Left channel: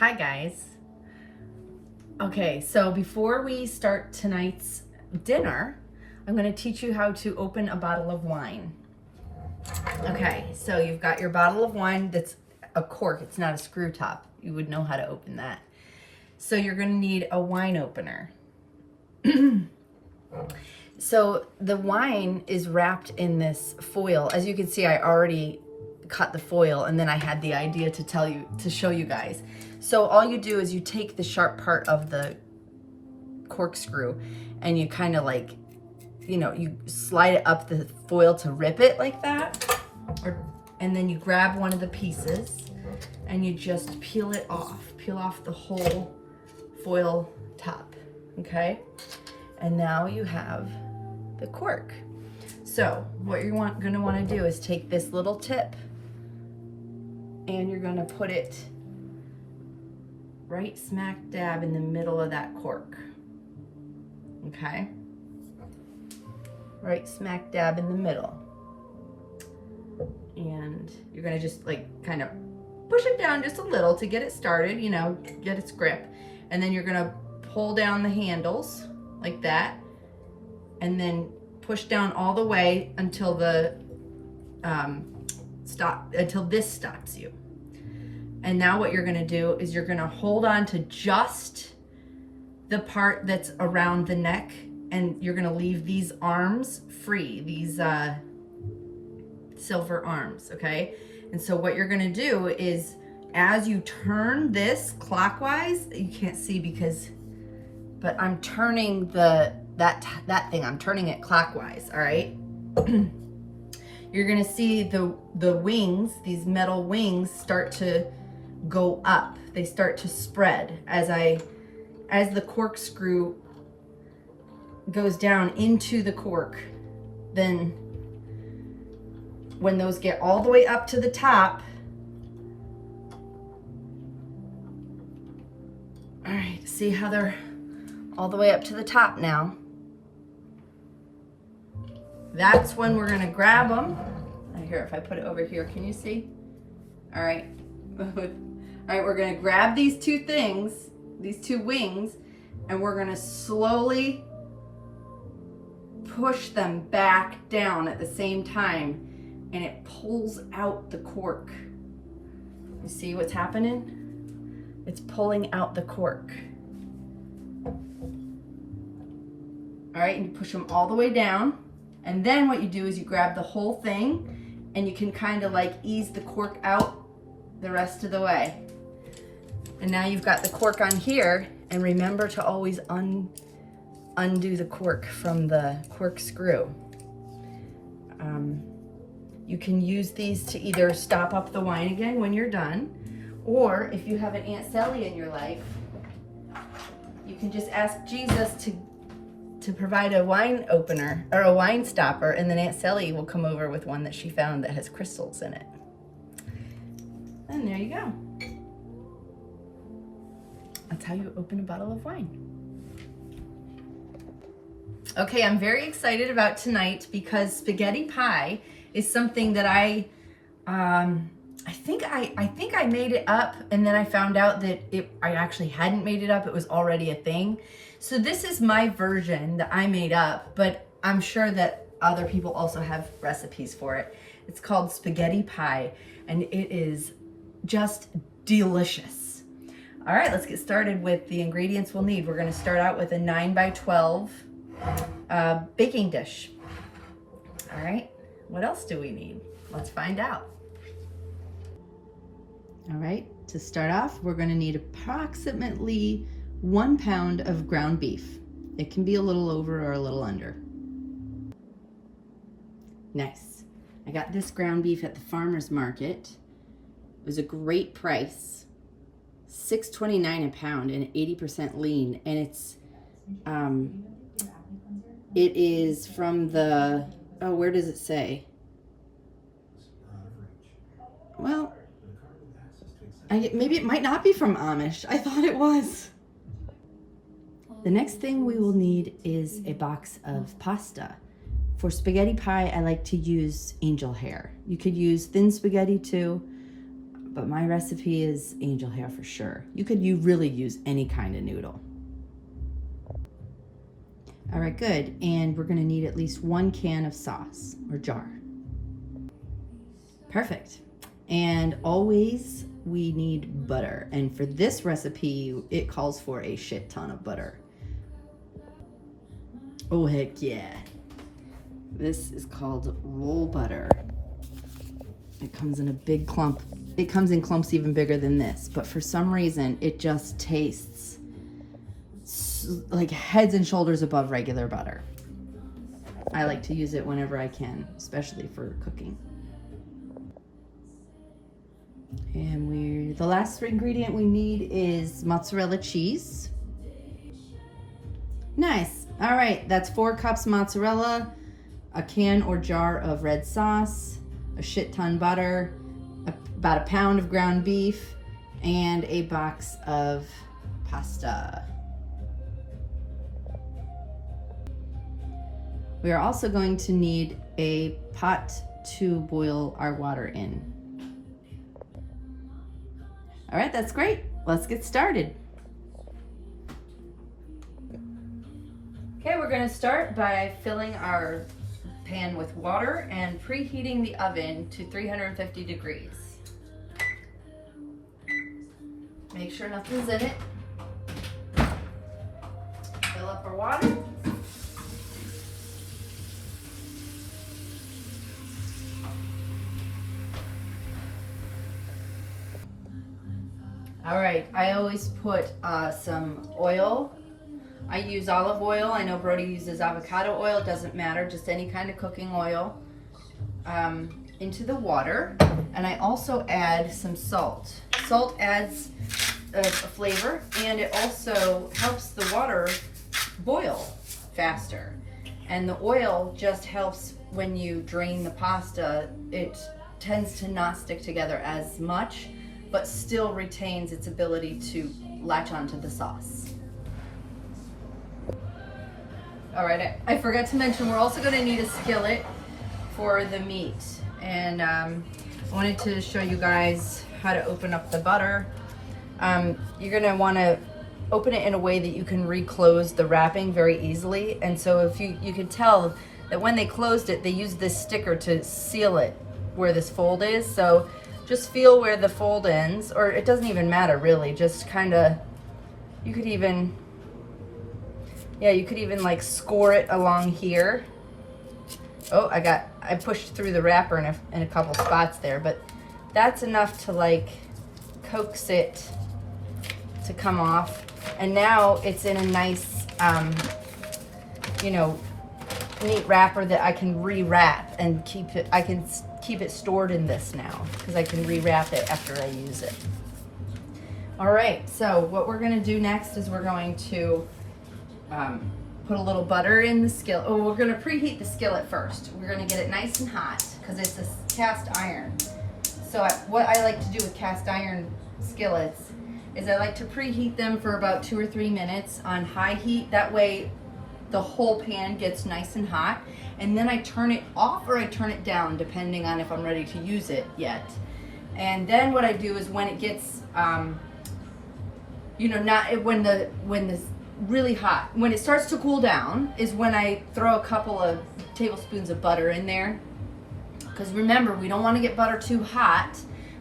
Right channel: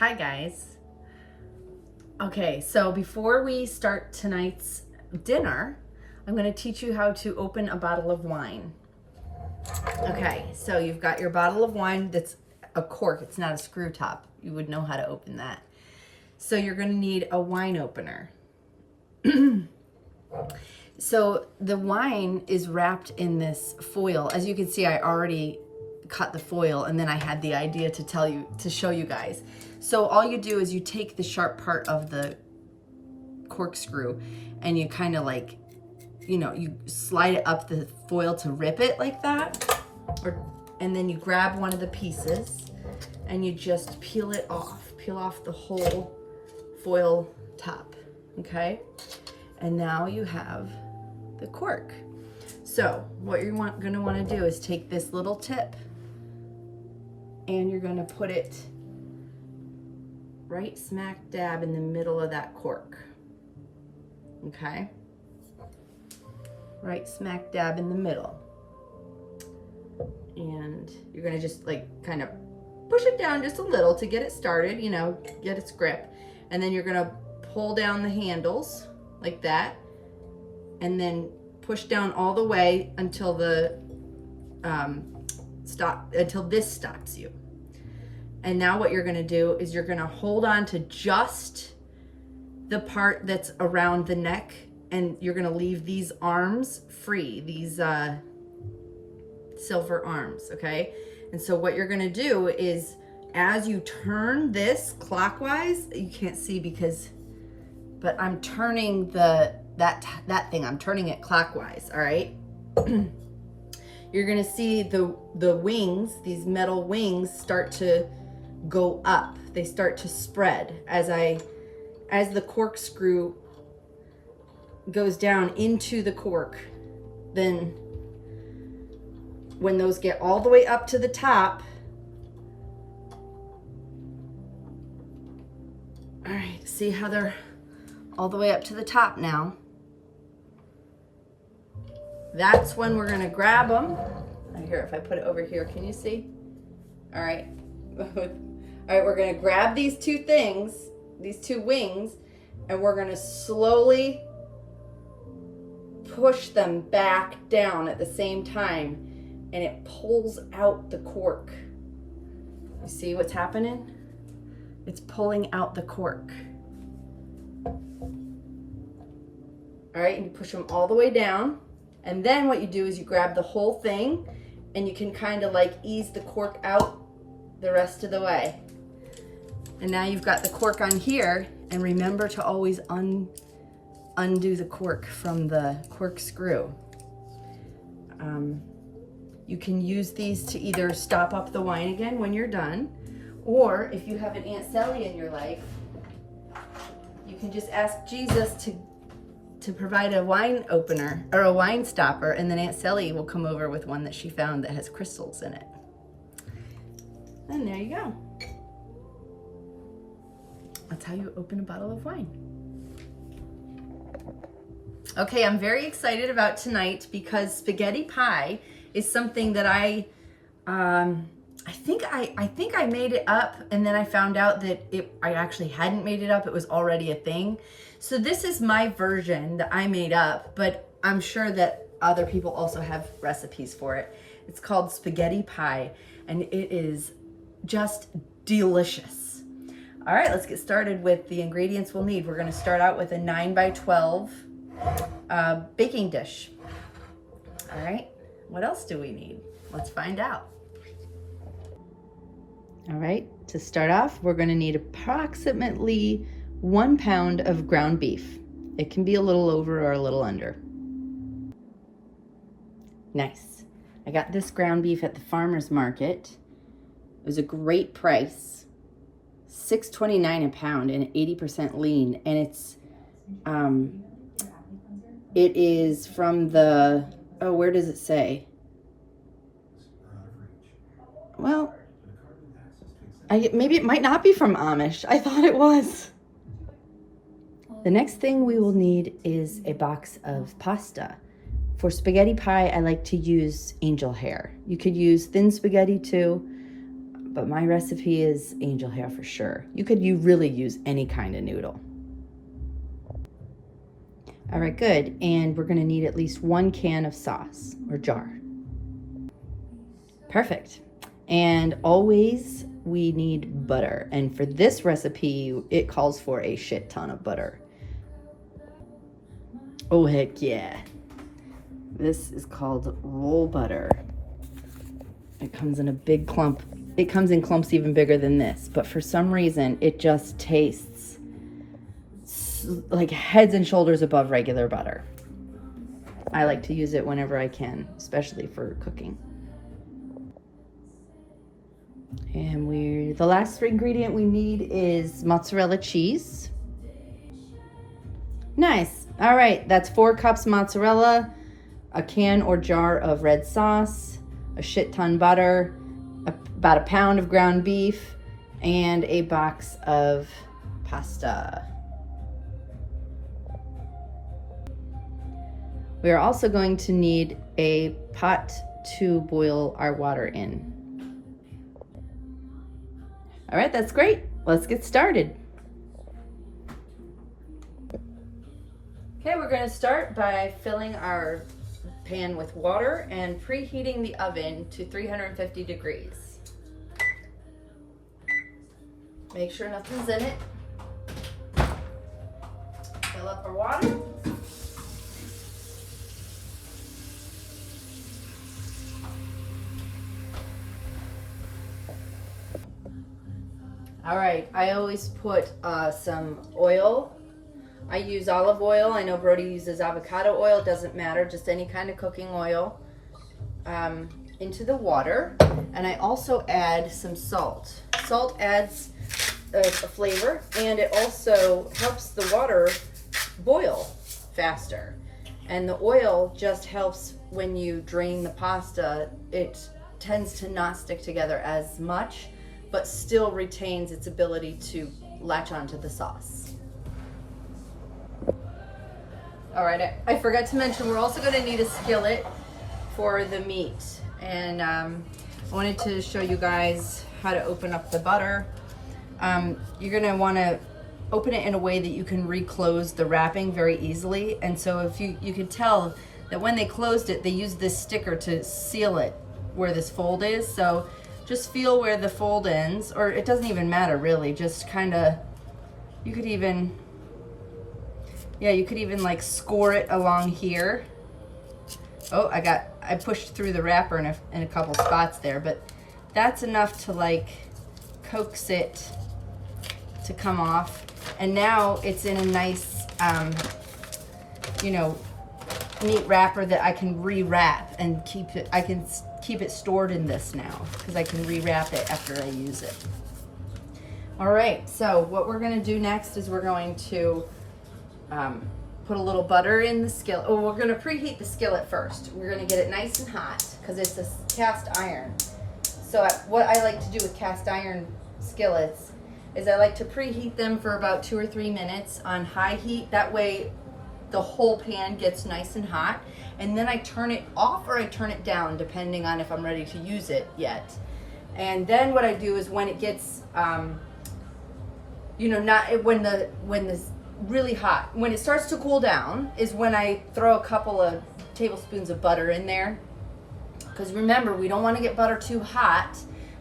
Hi guys. Okay, so before we start tonight's dinner, I'm going to teach you how to open a bottle of wine. Okay, so you've got your bottle of wine that's a cork, it's not a screw top. You would know how to open that. So you're going to need a wine opener. So the wine is wrapped in this foil. As you can see, I already cut the foil and then I had the idea to show you guys. So all you do is you take the sharp part of the corkscrew and you kind of like, you slide it up the foil to rip it like that. And then you grab one of the pieces and you just peel off the whole foil top, okay? And now you have the cork. So what you're gonna want to do is take this little tip and you're gonna put it right smack dab in the middle of that cork, okay? Right smack dab in the middle. And you're gonna just like kind of push it down just a little to get it started, get its grip. And then you're gonna pull down the handles like that, and then push down all the way until until this stops you. And now what you're gonna do is you're gonna hold on to just the part that's around the neck, and you're gonna leave these arms free, these silver arms, okay? And so what you're gonna do is, as you turn this clockwise, you can't see but I'm turning that thing, I'm turning it clockwise, all right? You're gonna see the wings, these metal wings, start to go up. They start to spread as the corkscrew goes down into the cork. Then when those get all the way up to the top, all right, see how they're all the way up to the top now? That's when we're gonna grab them. Here, if I put it over here, can you see? All right. All right, we're gonna grab these two things, these two wings, and we're gonna slowly push them back down at the same time, and it pulls out the cork. You see what's happening? It's pulling out the cork. All right, and you push them all the way down. And then what you do is you grab the whole thing and you can kind of like ease the cork out the rest of the way. And now you've got the cork on here, and remember to always undo the cork from the corkscrew. You can use these to either stop up the wine again when you're done, or if you have an Aunt Sally in your life, you can just ask Jesus to provide a wine opener or a wine stopper, and then Aunt Sally will come over with one that she found that has crystals in it. And there you go. That's how you open a bottle of wine. Okay, I'm very excited about tonight because spaghetti pie is something that I think I made it up, and then I found out that I actually hadn't made it up. It was already a thing. So this is my version that I made up, but I'm sure that other people also have recipes for it. It's called spaghetti pie, and it is just delicious. All right, let's get started with the ingredients we'll need. We're gonna start out with a 9x12 baking dish. All right, what else do we need? Let's find out. All right, to start off, we're gonna need approximately 1 pound of ground beef. It can be a little over or a little under. Nice. I got this ground beef at the farmer's market. It was a great price, $6.29 a pound, and 80% lean. And it is from the, where does it say? Well, maybe it might not be from Amish. I thought it was. The next thing we will need is a box of pasta. For spaghetti pie, I like to use angel hair. You could use thin spaghetti too, but my recipe is angel hair for sure. You really use any kind of noodle. All right, good. And we're gonna need at least 1 can of sauce or jar. Perfect. And always we need butter. And for this recipe, it calls for a shit ton of butter. Oh, heck yeah. This is called roll butter. It comes in a big clump. It comes in clumps even bigger than this, but for some reason, it just tastes like heads and shoulders above regular butter. I like to use it whenever I can, especially for cooking. And the last ingredient we need is mozzarella cheese. Nice. All right, that's 4 cups mozzarella, a can or jar of red sauce, a shit ton butter, about 1 pound of ground beef, and a box of pasta. We are also going to need a pot to boil our water in. All right, that's great. Let's get started. Okay, we're going to start by filling our pan with water and preheating the oven to 350 degrees. Make sure nothing's in it. Fill up our water. All right, I always put some oil. I use olive oil. I know Brody uses avocado oil. It doesn't matter, just any kind of cooking oil into the water. And I also add some salt. Salt adds a flavor, and it also helps the water boil faster. And the oil just helps when you drain the pasta. It tends to not stick together as much, but still retains its ability to latch onto the sauce. All right, I forgot to mention, we're also gonna need a skillet for the meat. And I wanted to show you guys how to open up the butter. You're gonna wanna open it in a way that you can reclose the wrapping very easily. And so if you can tell that when they closed it, they used this sticker to seal it where this fold is. So just feel where the fold ends, or it doesn't even matter really, just kinda, you could even like score it along here. Oh, I pushed through the wrapper in a couple spots there, but that's enough to like coax it to come off. And now it's in a nice, neat wrapper that I can re-wrap and keep it. I can keep it stored in this now because I can re-wrap it after I use it. All right, so what we're gonna do next is we're going to put a little butter in the skillet. Oh, we're gonna preheat the skillet first. We're gonna get it nice and hot because it's a cast iron. So what I like to do with cast iron skillets is I like to preheat them for about 2 or 3 minutes on high heat. That way the whole pan gets nice and hot. And then I turn it off or I turn it down depending on if I'm ready to use it yet. And then what I do is when it gets, when the really hot, when it starts to cool down is when I throw a couple of tablespoons of butter in there. Because remember, we don't want to get butter too hot,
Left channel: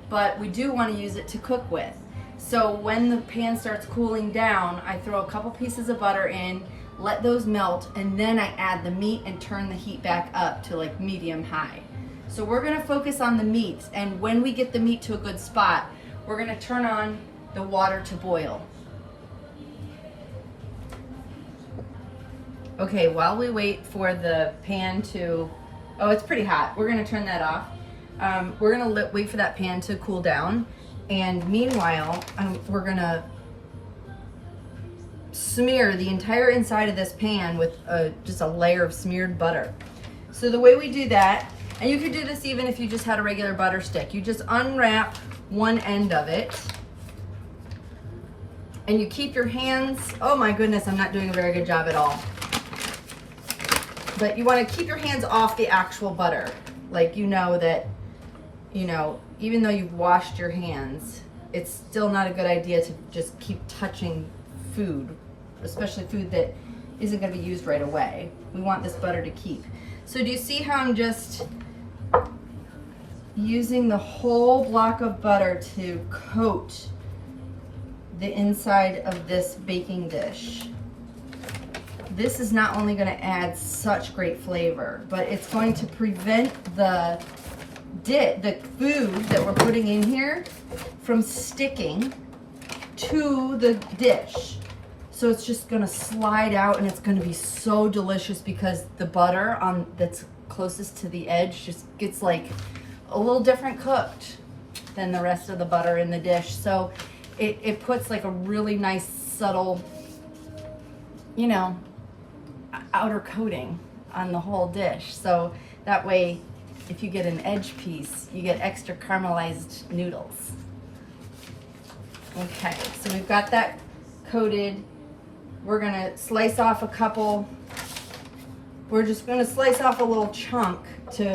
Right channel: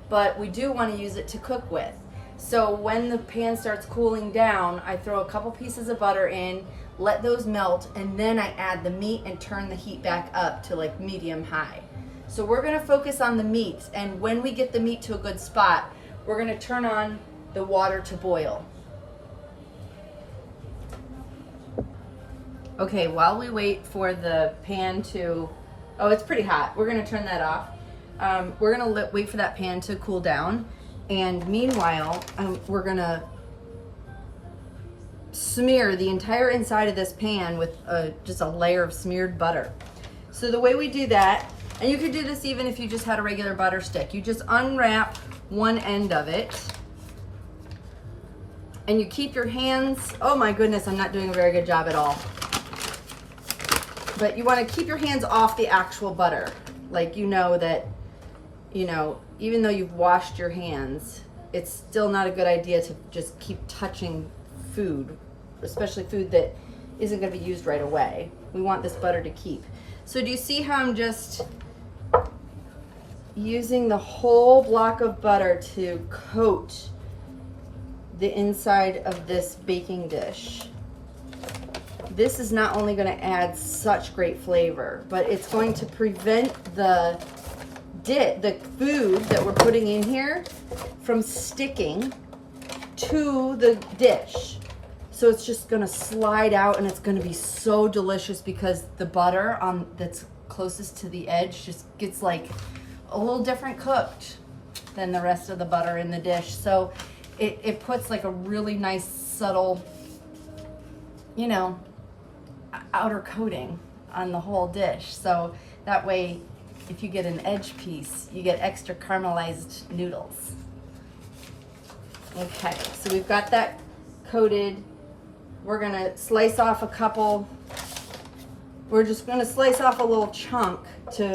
but we do want to use it to cook with. So when the pan starts cooling down, I throw a couple pieces of butter in, let those melt, and then I add the meat and turn the heat back up to like medium high. So we're gonna focus on the meat, and when we get the meat to a good spot, we're gonna turn on the water to boil. Okay, while we wait for the pan to, oh, it's pretty hot. We're gonna turn that off. We're gonna wait for that pan to cool down. And meanwhile, we're gonna smear the entire inside of this pan with just a layer of smeared butter. So the way we do that, and you could do this even if you just had a regular butter stick, you just unwrap one end of it and you keep your hands, oh my goodness, I'm not doing a very good job at all. But you want to keep your hands off the actual butter. Like, you know that you know, even though you've washed your hands, it's still not a good idea to just keep touching food, especially food that isn't going to be used right away. We want this butter to keep. So do you see how I'm just using the whole block of butter to coat the inside of this baking dish? This is not only going to add such great flavor, but it's going to prevent the food that we're putting in here from sticking to the dish. So it's just going to slide out, and it's going to be so delicious because the butter that's closest to the edge just gets like a little different cooked than the rest of the butter in the dish. So it puts like a really nice subtle, you know, outer coating on the whole dish. So that way, if you get an edge piece, you get extra caramelized noodles. Okay, so we've got that coated. We're gonna slice off a couple. We're just gonna slice off a little chunk to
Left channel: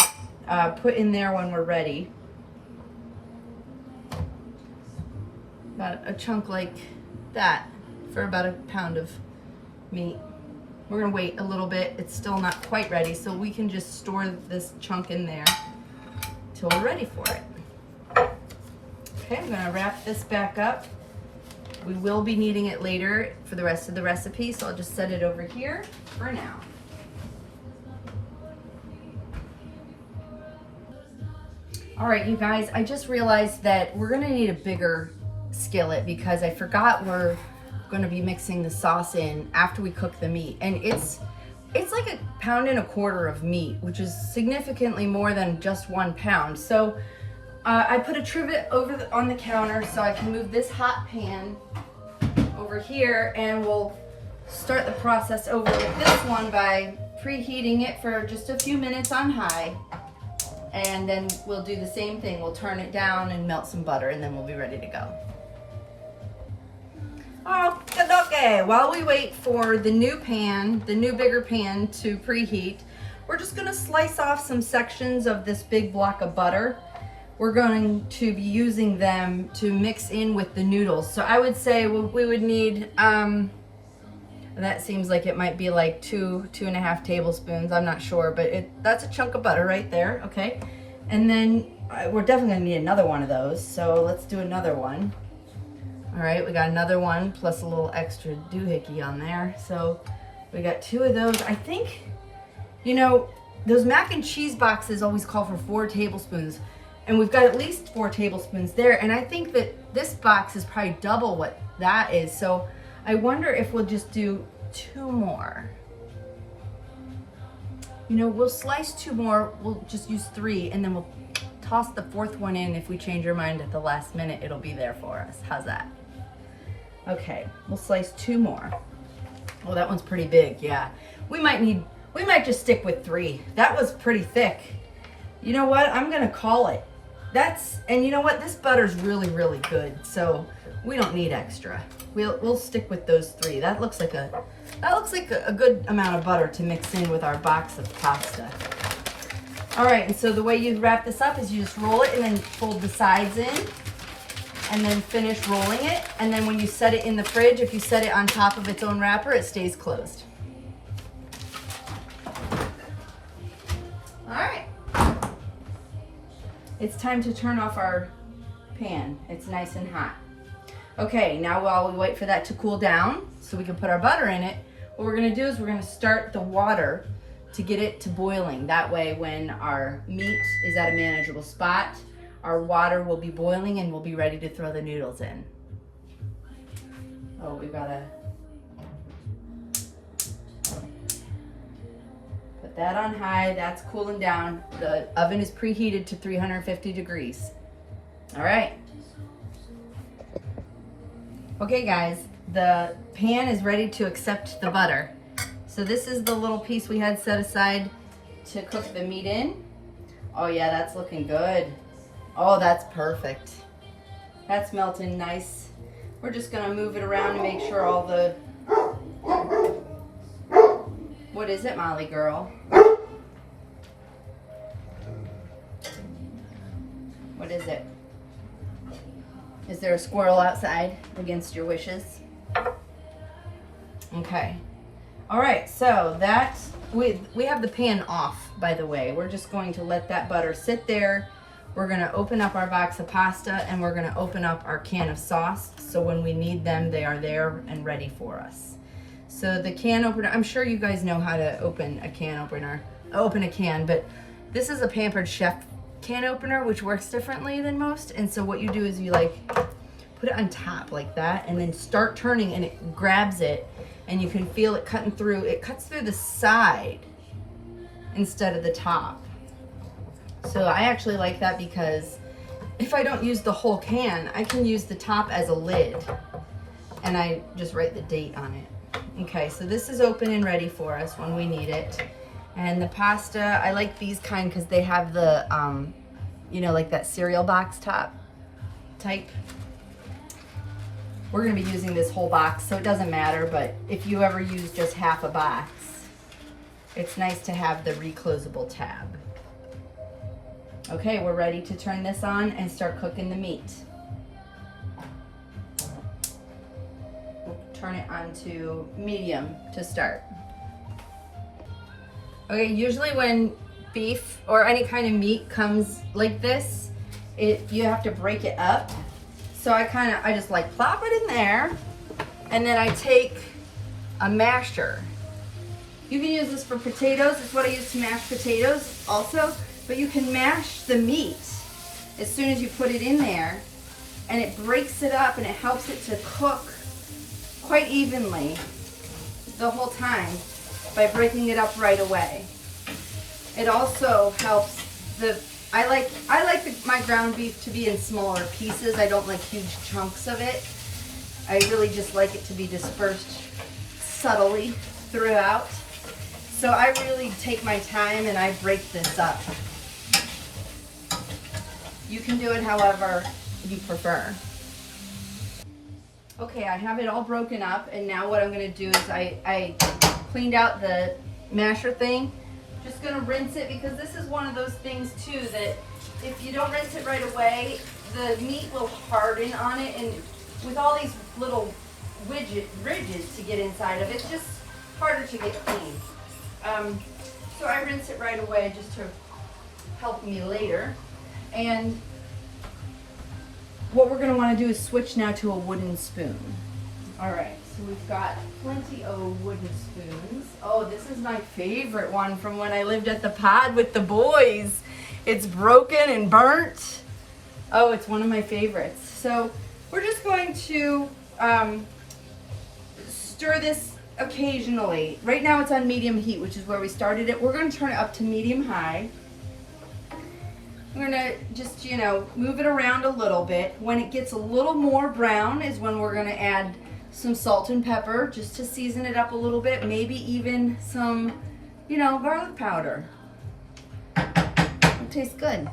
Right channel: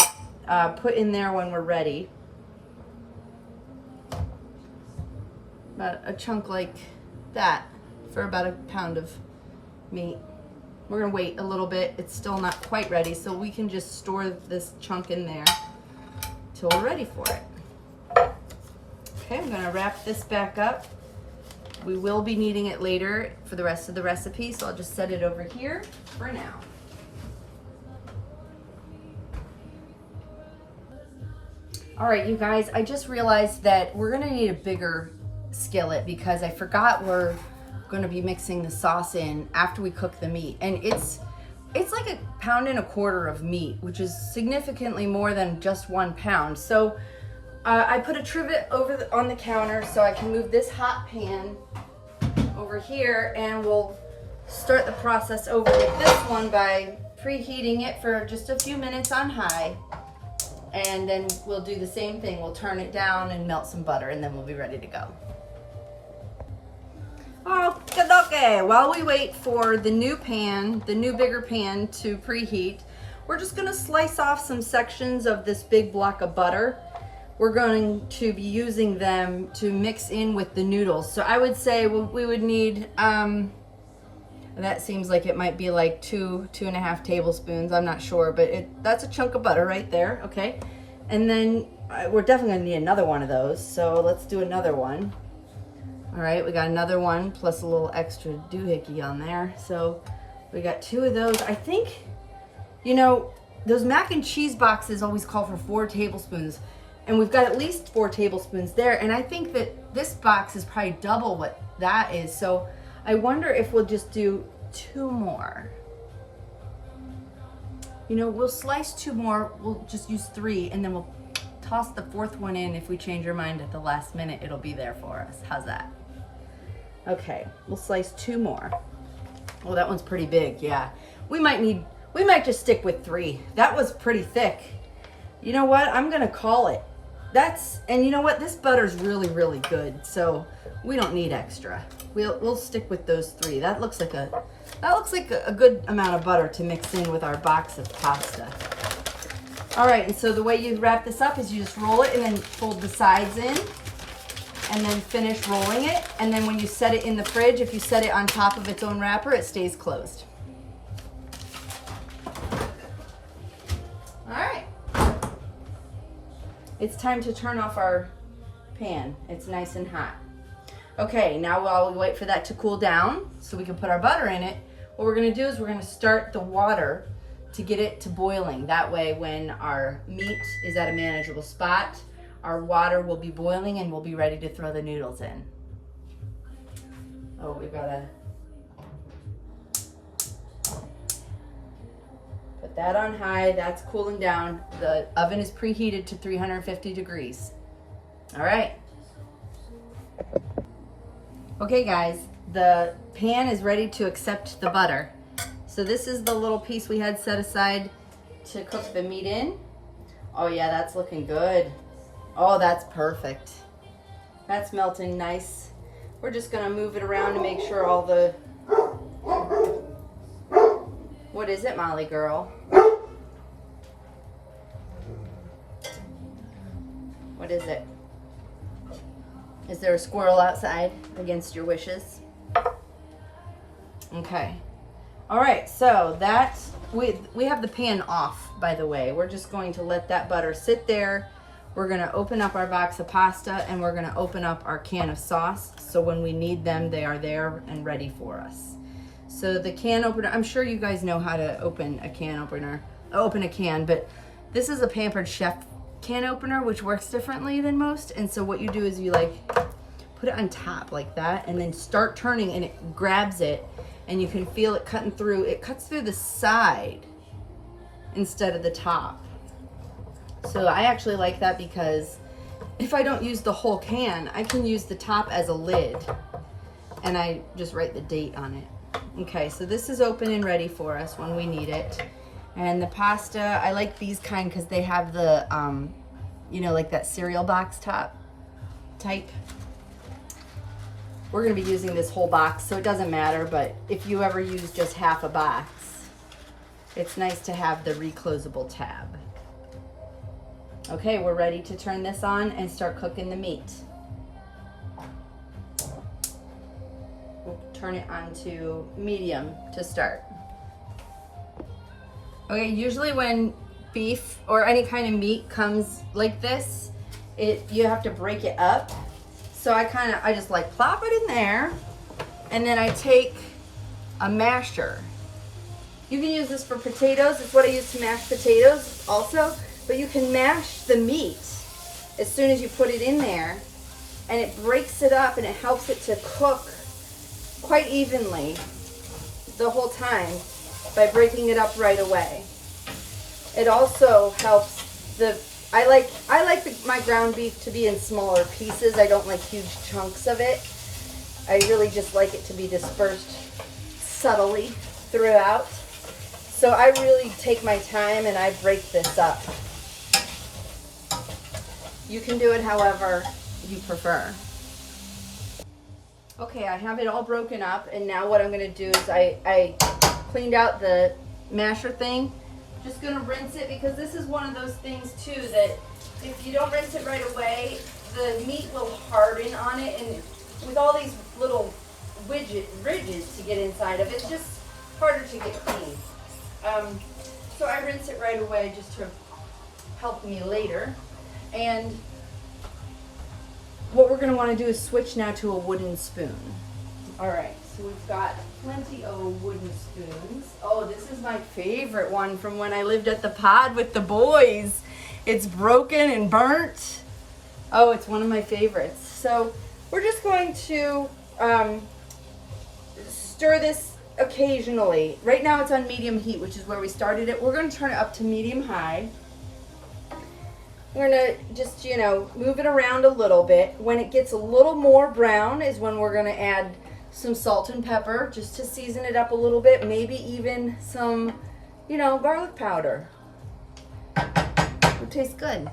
put in there when we're ready. About a chunk like that for about a pound of meat. We're gonna wait a little bit. It's still not quite ready, so we can just store this chunk in there till we're ready for it. Okay, I'm gonna wrap this back up. We will be needing it later for the rest of the recipe, so I'll just set it over here for now. All right, you guys, I just realized that we're gonna need a bigger skillet because I forgot we're going to be mixing the sauce in after we cook the meat, and it's like 1.25 pounds of meat, which is significantly more than just 1 pound. So I put a trivet on the counter so I can move this hot pan over here, and we'll start the process over with this one by preheating it for just a few minutes on high, and then we'll do the same thing. We'll turn it down and melt some butter, and then we'll be ready to go. Okay, while we wait for the new bigger pan to preheat, we're just gonna slice off some sections of this big block of butter. We're going to be using them to mix in with the noodles. So I would say we would need, that seems like it might be like 2.5 tablespoons, I'm not sure, but that's a chunk of butter right there, okay? And then we're definitely gonna need another one of those, so let's do another one. All right, we got another one plus a little extra doohickey on there. So we got 2 of those. I think, you know, those mac and cheese boxes always call for 4 tablespoons, and we've got at least 4 tablespoons there. And I think that this box is probably double what that is. So I wonder if we'll just do 2 more. You know, we'll slice 2 more. We'll just use 3, and then we'll toss the 4th one in. If we change our mind at the last minute, it'll be there for us. How's that? Okay, we'll slice 2 more. Well, that one's pretty big, yeah. We might just stick with 3. That was pretty thick. You know what? I'm gonna call it. And you know what? This butter's really, really good, so we don't need extra. We'll stick with those 3. That looks like a good amount of butter to mix in with our box of pasta. All right, and so the way you wrap this up is you just roll it and then fold the sides in, and then finish rolling it. And then when you set it in the fridge, if you set it on top of its own wrapper, it stays closed. All right. It's time to turn off our pan. It's nice and hot. Okay, now while we wait for that to cool down so we can put our butter in it, what we're gonna do is we're gonna start the water to get it to boiling. That way when our meat is at a manageable spot, our water will be boiling and we'll be ready to throw the noodles in. Oh, we've gotta put that on high. That's cooling down. The oven is preheated to 350 degrees. All right. Okay guys, the pan is ready to accept the butter. So this is the little piece we had set aside to cook the meat in. Oh yeah, that's looking good. Oh, that's perfect. That's melting nice. We're just gonna move it around to make sure all the... What is it, Molly girl? What is it? Is there a squirrel outside against your wishes? Okay. All right, so that's, we have the pan off, by the way. We're just going to let that butter sit there. We're gonna open up our box of pasta and we're gonna open up our can of sauce. So when we need them, they are there and ready for us. So the can opener, I'm sure you guys know how to open a can opener, but this is a Pampered Chef can opener, which works differently than most. And so what you do is you like put it on top like that and then start turning and it grabs it and you can feel it cutting through. It cuts through the side instead of the top. So I actually like that because if I don't use the whole can, I can use the top as a lid and I just write the date on it. Okay, so this is open and ready for us when we need it. And the pasta, I like these kind because they have the, you know, like that cereal box top type. We're gonna be using this whole box, so it doesn't matter, but if you ever use just half a box, it's nice to have the reclosable tab. Okay, we're ready to turn this on and start cooking the meat. We'll turn it on to medium to start. Okay, usually when beef or any kind of meat comes like this, you have to break it up. So I just like plop it in there and then I take a masher. You can use this for potatoes. It's what I use to mash potatoes also, but you can mash the meat as soon as you put it in there and it breaks it up and it helps it to cook quite evenly the whole time by breaking it up right away. It also helps I like my ground beef to be in smaller pieces. I don't like huge chunks of it. I really just like it to be dispersed subtly throughout. So I really take my time and I break this up. You can do it however you prefer. Okay, I have it all broken up and now what I'm gonna do is I cleaned out the masher thing. Just gonna rinse it because this is one of those things too that if you don't rinse it right away, the meat will harden on it, and with all these little ridges to get inside of it, it's just harder to get clean. So I rinse it right away just to help me later. And what we're gonna wanna do is switch now to a wooden spoon. All right, so we've got plenty of wooden spoons. Oh, this is my favorite one from when I lived at the pod with the boys. It's broken and burnt. Oh, it's one of my favorites. So we're just going to stir this occasionally. Right now it's on medium heat, which is where we started it. We're gonna turn it up to medium high. We're gonna just, you know, move it around a little bit. When it gets a little more brown is when we're gonna add some salt and pepper just to season it up a little bit, maybe even some, you know, garlic powder. It tastes good.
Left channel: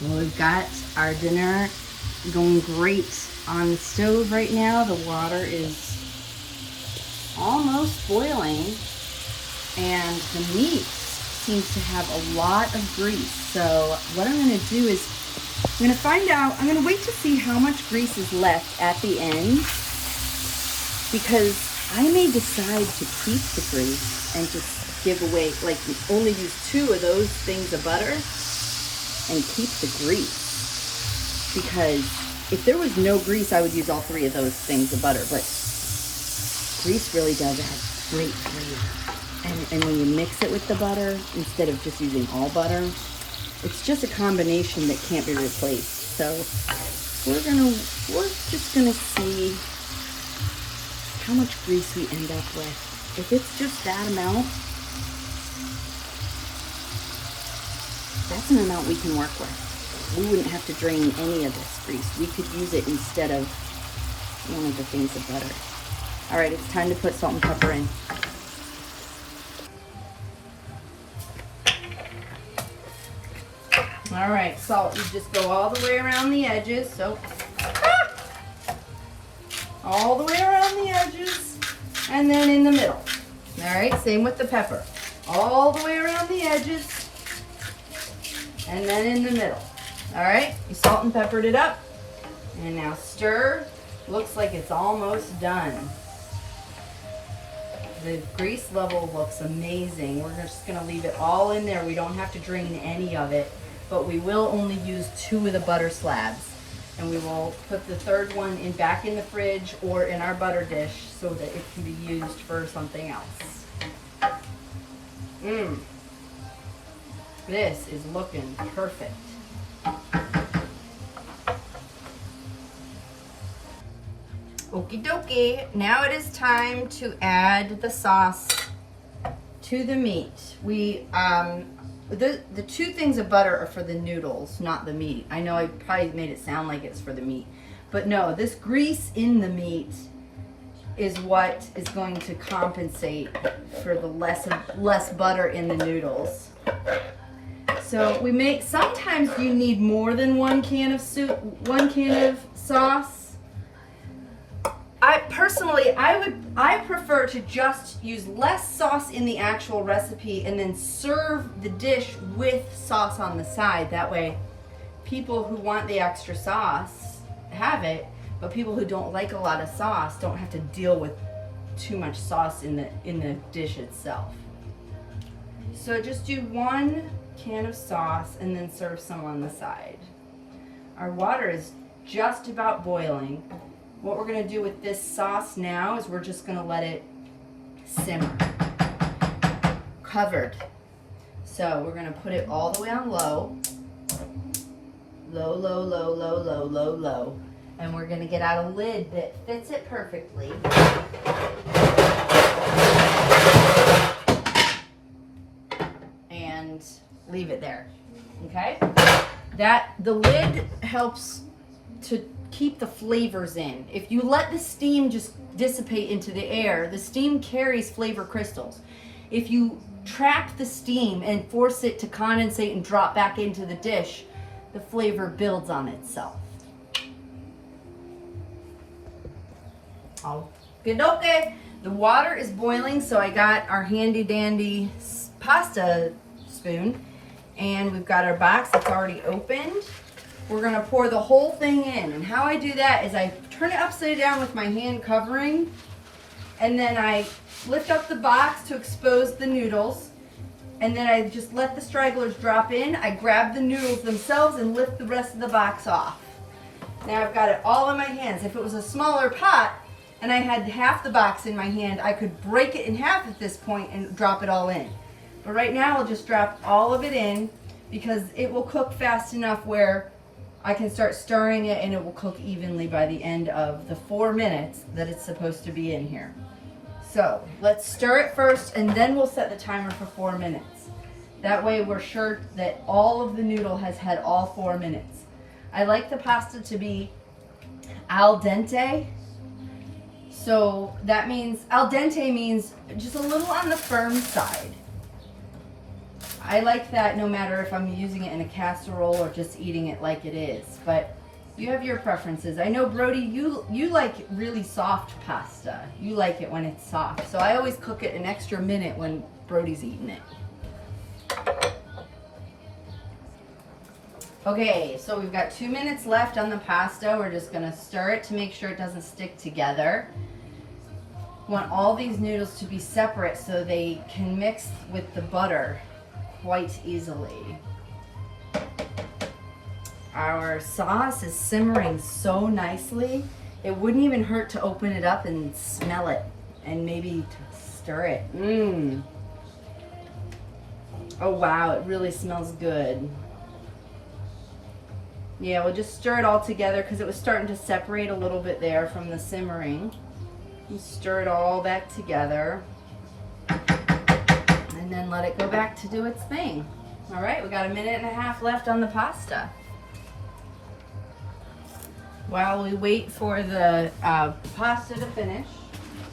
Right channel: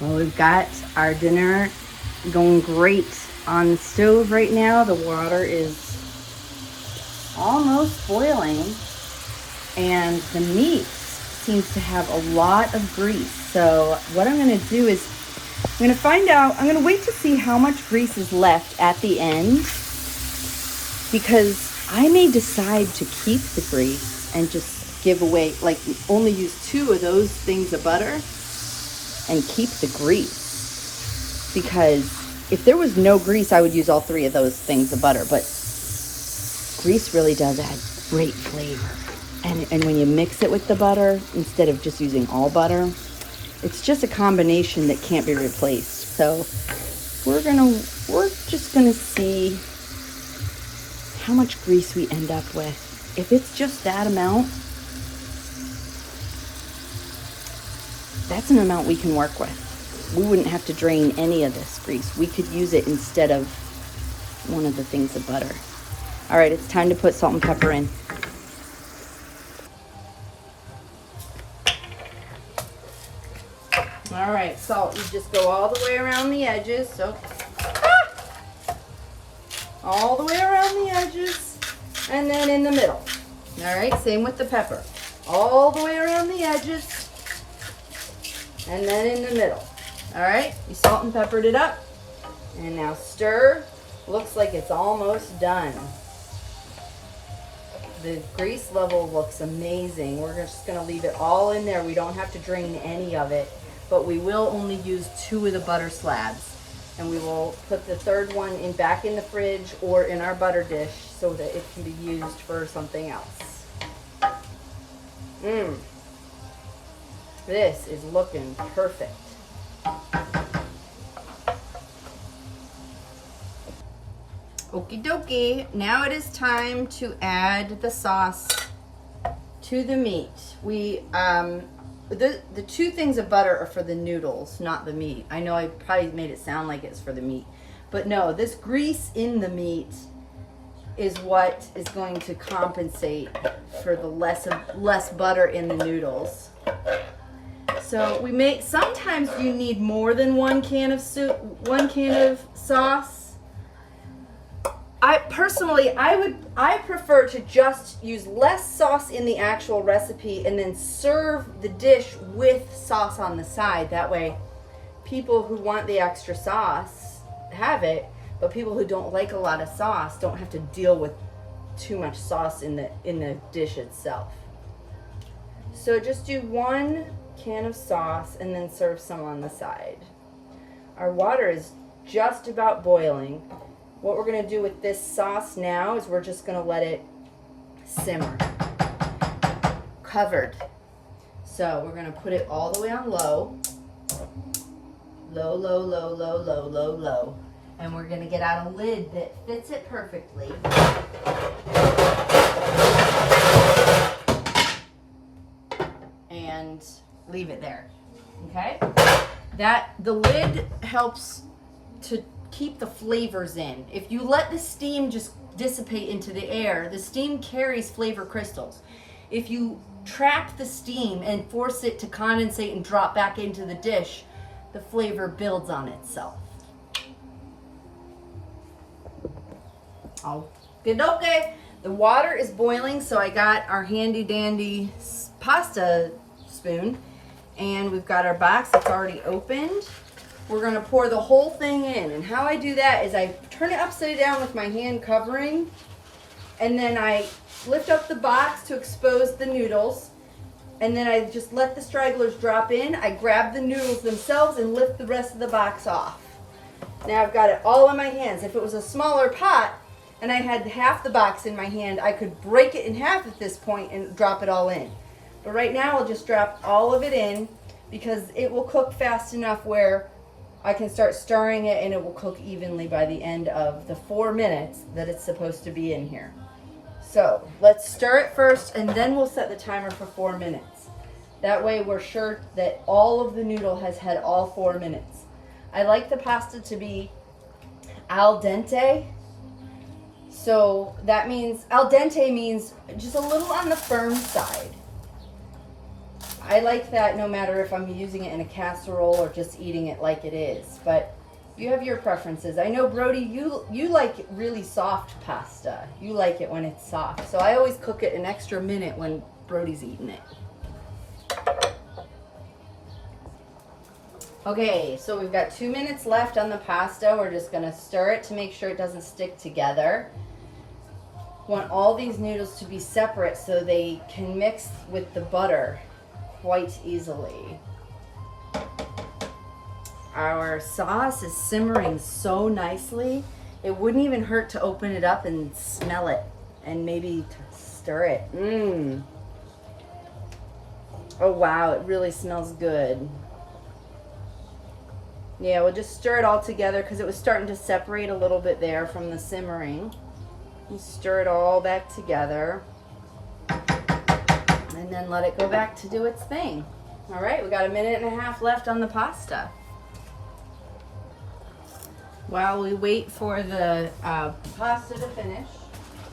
Well, we've got our dinner going great on the stove right now. The water is almost boiling and the meat seems to have a lot of grease. So what I'm gonna do is I'm gonna wait to see how much grease is left at the end, because I may decide to keep the grease and just give away, like only use 2 of those things of butter and keep the grease. Because if there was no grease, I would use all 3 of those things of butter, but grease really does add great flavor. And when you mix it with the butter, instead of just using all butter, it's just a combination that can't be replaced. So we're just gonna see how much grease we end up with. If it's just that amount, that's an amount we can work with. We wouldn't have to drain any of this grease. We could use it instead of one of the things of butter. All right, it's time to put salt and pepper in. All right, salt, you just go all the way around the edges. So, all the way around the edges, and then in the middle. All right, same with the pepper. All the way around the edges and then in the middle. All right, you salt and peppered it up. And now stir. Looks like it's almost done. The grease level looks amazing. We're just gonna leave it all in there. We don't have to drain any of it, but we will only use 2 of the butter slabs. And we will put the third one in back in the fridge or in our butter dish so that it can be used for something else. This is looking perfect. Okie dokie, now it is time to add the sauce to the meat. We, the 2 things of butter are for the noodles, not the meat. I know I probably made it sound like it's for the meat, but no, this grease in the meat is what is going to compensate for the less butter in the noodles. So sometimes you need more than 1 can of soup, 1 can of sauce. I prefer to just use less sauce in the actual recipe and then serve the dish with sauce on the side. That way, people who want the extra sauce have it, but people who don't like a lot of sauce don't have to deal with too much sauce in the dish itself. So just do 1 can of sauce and then serve some on the side. Our water is just about boiling. What we're going to do with this sauce now is we're just going to let it simmer, covered. So we're going to put it all the way on low, low, low, low, low, low, low, low. And we're going to get out a lid that fits it perfectly. And leave it there, okay? The lid helps to keep the flavors in. If you let the steam just dissipate into the air, the steam carries flavor crystals. If you trap the steam and force it to condensate and drop back into the dish, the flavor builds on itself. Okay. The water is boiling, so I got our handy dandy pasta spoon, and we've got our box that's already opened. We're gonna pour the whole thing in, and how I do that is I turn it upside down with my hand covering, and then I lift up the box to expose the noodles, and then I just let the stragglers drop in. I grab the noodles themselves and lift the rest of the box off. Now I've got it all in my hands. If it was a smaller pot and I had half the box in my hand, I could break it in half at this point and drop it all in. But right now I'll just drop all of it in because it will cook fast enough where I can start stirring it and it will cook evenly by the end of the 4 minutes that it's supposed to be in here. So let's stir it first and then we'll set the timer for 4 minutes. That way we're sure that all of the noodle has had all 4 minutes. I like the pasta to be al dente. So that means, al dente means just a little on the firm side. I like that no matter if I'm using it in a casserole or just eating it like it is, but you have your preferences. I know, Brody, you like really soft pasta. You like it when it's soft. So I always cook it an extra minute when Brody's eating it. Okay, so we've got 2 minutes left on the pasta. We're just gonna stir it to make sure it doesn't stick together. Want all these noodles to be separate so they can mix with the butter quite easily. Our sauce is simmering so nicely. It wouldn't even hurt to open it up and smell it and maybe stir it. Oh wow, it really smells good. Yeah, we'll just stir it all together because it was starting to separate a little bit there from the simmering. And stir it all back together. And then let it go back to do its thing. All right, we got 1.5 minutes left on the pasta. While we wait for the pasta to finish.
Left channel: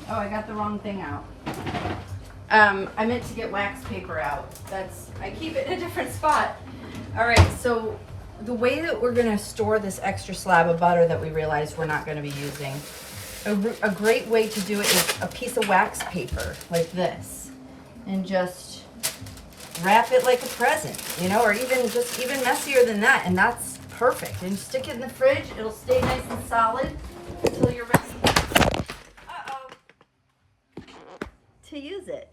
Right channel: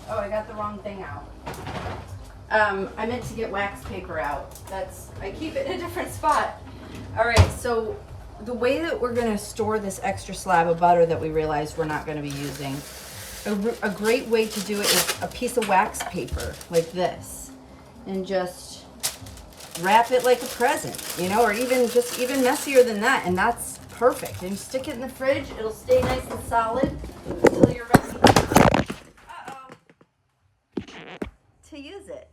Oh, I got the wrong thing out. I meant to get wax paper out. I keep it in a different spot. All right, so the way that we're gonna store this extra slab of butter that we realized we're not gonna be using a great way to do it is a piece of wax paper like this, and just wrap it like a present, you know, or even messier than that, and that's perfect. And stick it in the fridge. It'll stay nice and solid until you're ready to use it.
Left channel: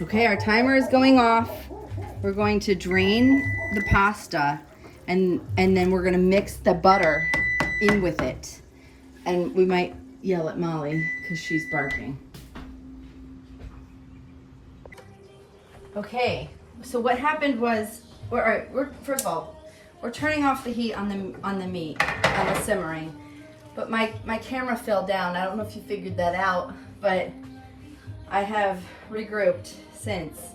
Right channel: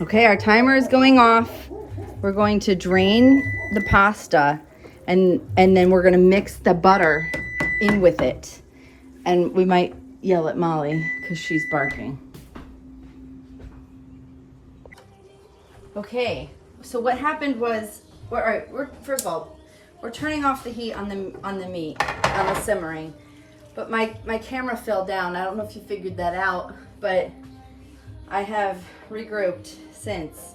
Okay, our timer is going off. We're going to drain the pasta, and then we're gonna mix the butter in with it. And we might yell at Molly because she's barking. Okay, so what happened was, all right, first of all, we're turning off the heat on the meat, on the simmering. But my camera fell down. I don't know if you figured that out, but I have regrouped since,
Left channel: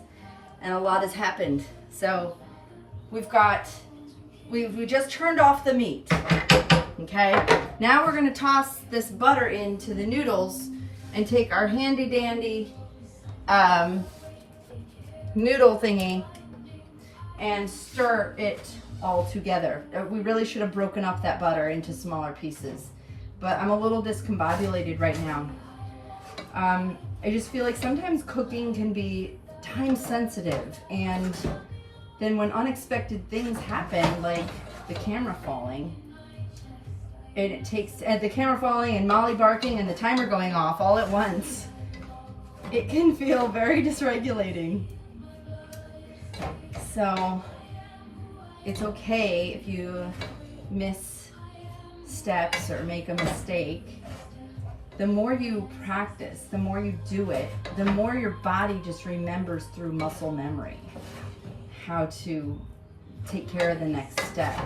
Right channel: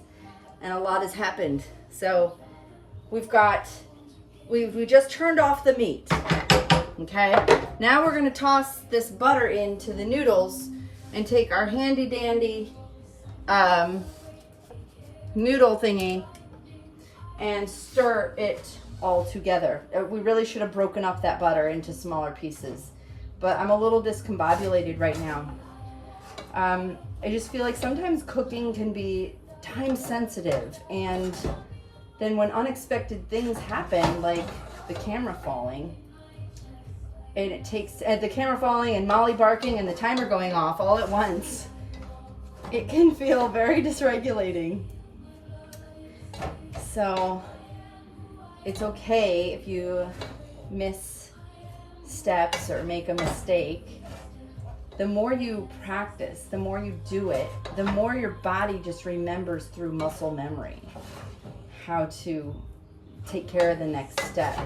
and a lot has happened. So we just turned off the meat. Okay, now we're gonna toss this butter into the noodles and take our handy dandy noodle thingy and stir it all together. We really should have broken up that butter into smaller pieces, but I'm a little discombobulated right now. I just feel like sometimes cooking can be time sensitive, and then when unexpected things happen, like the camera falling, and the camera falling and Molly barking and the timer going off all at once, it can feel very dysregulating. So it's okay if you miss steps or make a mistake. The more you practice, the more you do it, the more your body just remembers through muscle memory how to take care of the next step.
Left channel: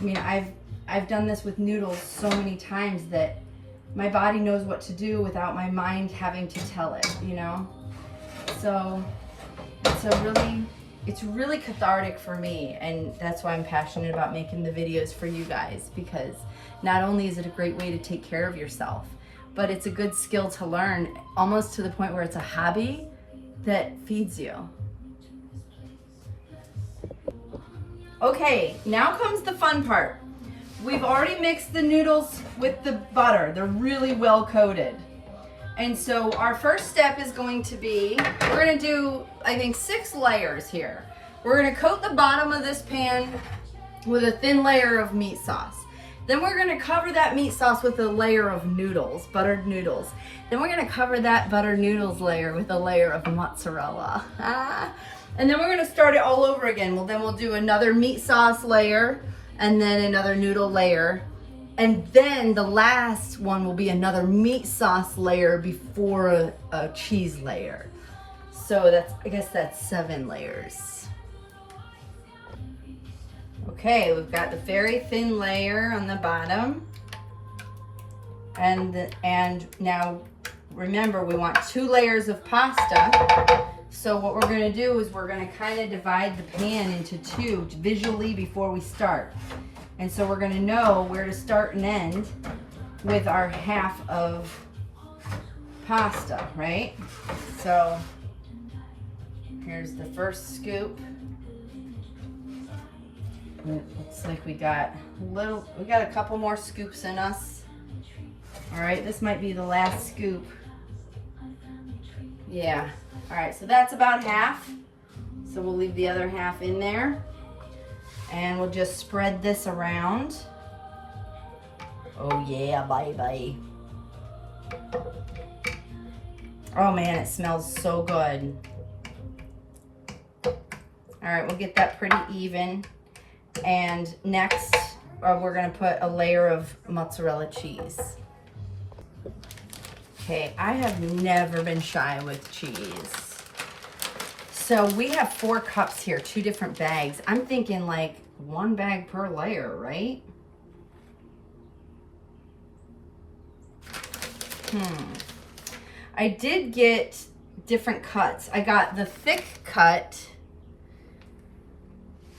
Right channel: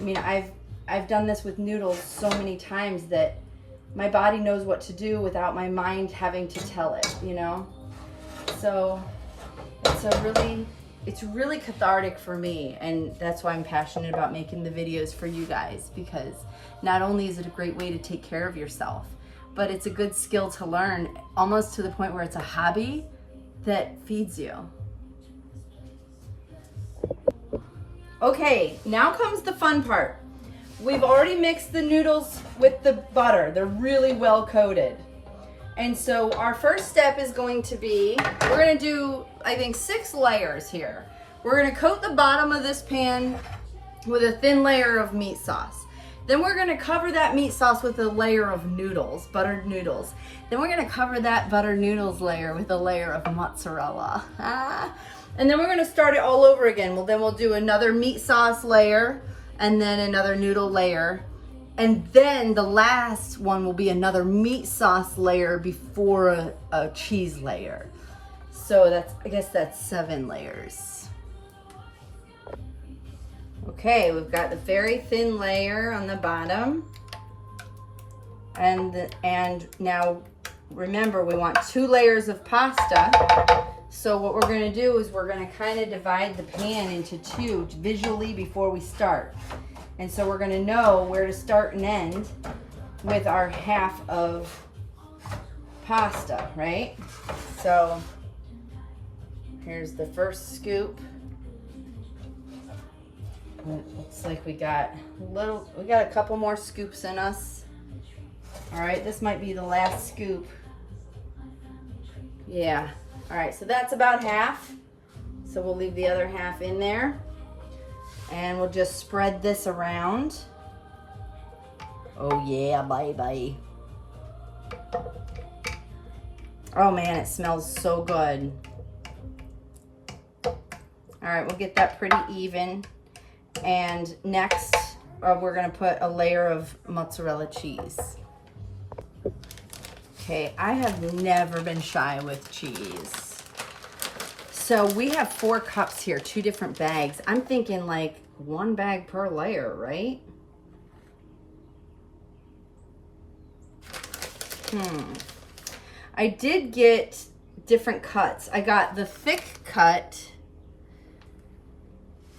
I mean, I've done this with noodles so many times that my body knows what to do without my mind having to tell it, you know? So it's really cathartic for me, and that's why I'm passionate about making the videos for you guys, because not only is it a great way to take care of yourself, but it's a good skill to learn, almost to the point where it's a hobby that feeds you. Okay, now comes the fun part. We've already mixed the noodles with the butter. They're really well coated. And so our first step is going to be, we're gonna do, I think, 6 layers here. We're gonna coat the bottom of this pan with a thin layer of meat sauce. Then we're gonna cover that meat sauce with a layer of noodles, buttered noodles. Then we're gonna cover that buttered noodles layer with a layer of mozzarella. And then we're gonna start it all over again. Well, then we'll do another meat sauce layer, and then another noodle layer. And then the last one will be another meat sauce layer before a cheese layer. So I guess that's 7 layers. Okay, we've got the very thin layer on the bottom. And now remember, we want 2 layers of pasta. So what we're gonna do is we're gonna kind of divide the pan into 2 visually before we start. And so we're gonna know where to start and end with our half of pasta, right? So here's the first scoop. It looks like we got a couple more scoops in us. All right, this might be the last scoop. Yeah, all right, so that's about half. So we'll leave the other half in there. And we'll just spread this around. Oh yeah, baby. Oh man, it smells so good. All right, we'll get that pretty even. And next, we're gonna put a layer of mozzarella cheese. Okay, I have never been shy with cheese. So we have 4 cups here, 2 different bags. I'm thinking like 1 bag per layer, right? I did get different cuts. I got the thick cut,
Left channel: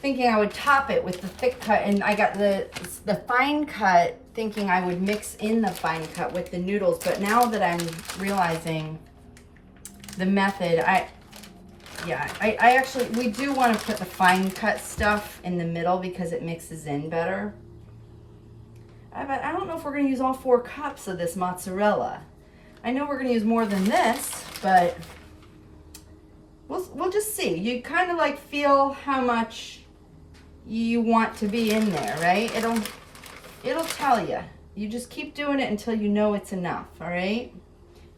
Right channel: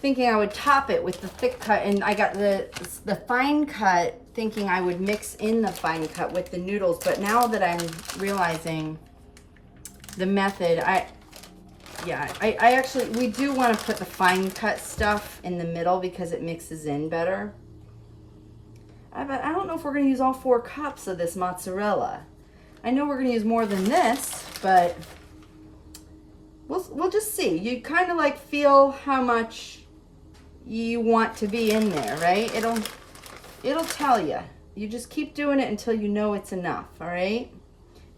thinking I would top it with the thick cut, and I got the fine cut, thinking I would mix in the fine cut with the noodles. But now that I'm realizing the method, I actually, we do want to put the fine cut stuff in the middle because it mixes in better. I don't know if we're gonna use all 4 cups of this mozzarella. I know we're gonna use more than this, but we'll just see. You kind of like feel how much you want to be in there, right? It'll tell you. You just keep doing it until you know it's enough, all right?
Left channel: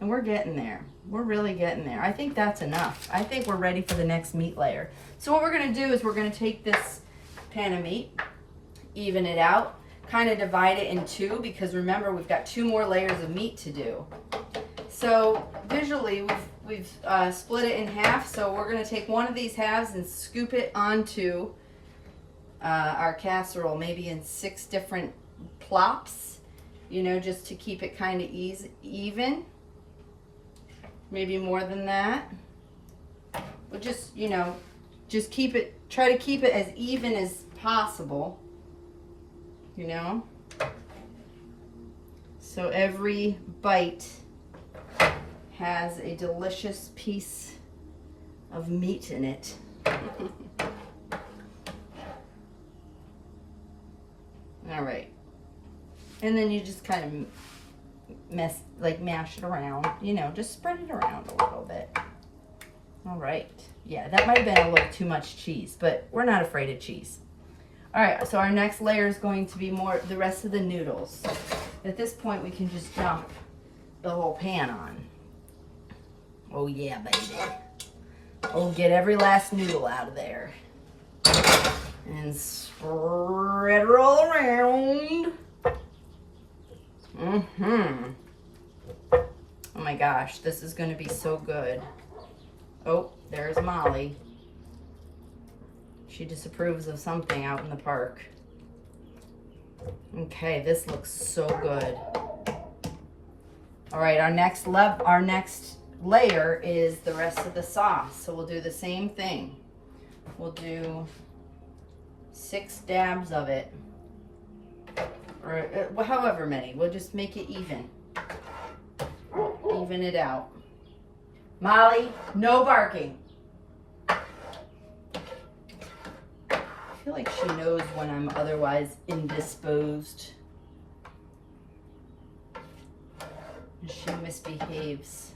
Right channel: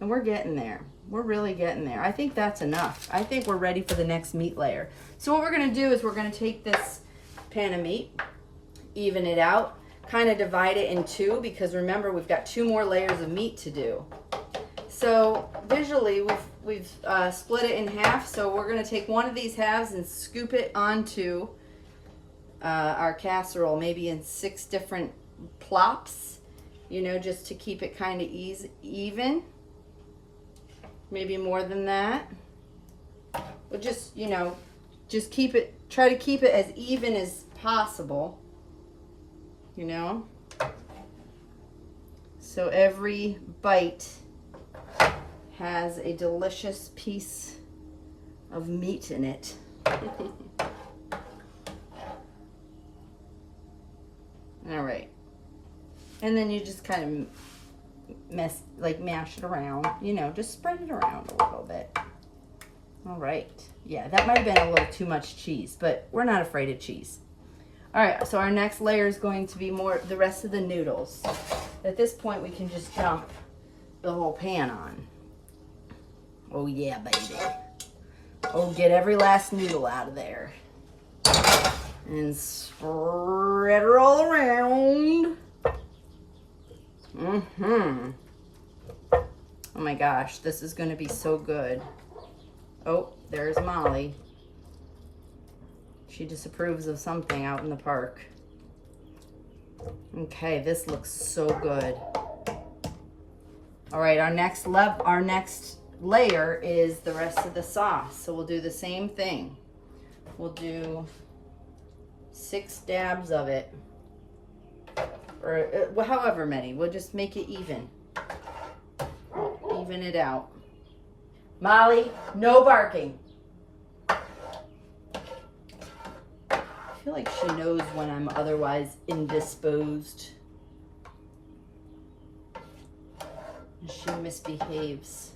And we're getting there. We're really getting there. I think that's enough. I think we're ready for the next meat layer. So what we're gonna do is we're gonna take this pan of meat, even it out, kind of divide it in 2, because remember we've got 2 more layers of meat to do. So visually we've split it in half, so we're gonna take one of these halves and scoop it onto our casserole, maybe in 6 different plops, you know, just to keep it kind of even. Maybe more than that. But just, you know, just keep it, try to keep it as even as possible, you know. So every bite has a delicious piece of meat in it. All right. And then you just kind of mash it around, you know, just spread it around a little bit. All right. Yeah, that might have been a little too much cheese, but we're not afraid of cheese. All right, so our next layer is going to be the rest of the noodles. At this point, we can just dump the whole pan on. Oh yeah, baby. Oh, get every last noodle out of there. And spread her all around. Oh my gosh, this is gonna be so good. Oh, there's Molly. She disapproves of something out in the park. Okay, this looks so good. All right, our next layer is the rest of the sauce. So we'll do the same thing. We'll do 6 dabs of it, or however many. We'll just make it even. Even it out. Molly, no barking. I feel like she knows when I'm otherwise indisposed. And she misbehaves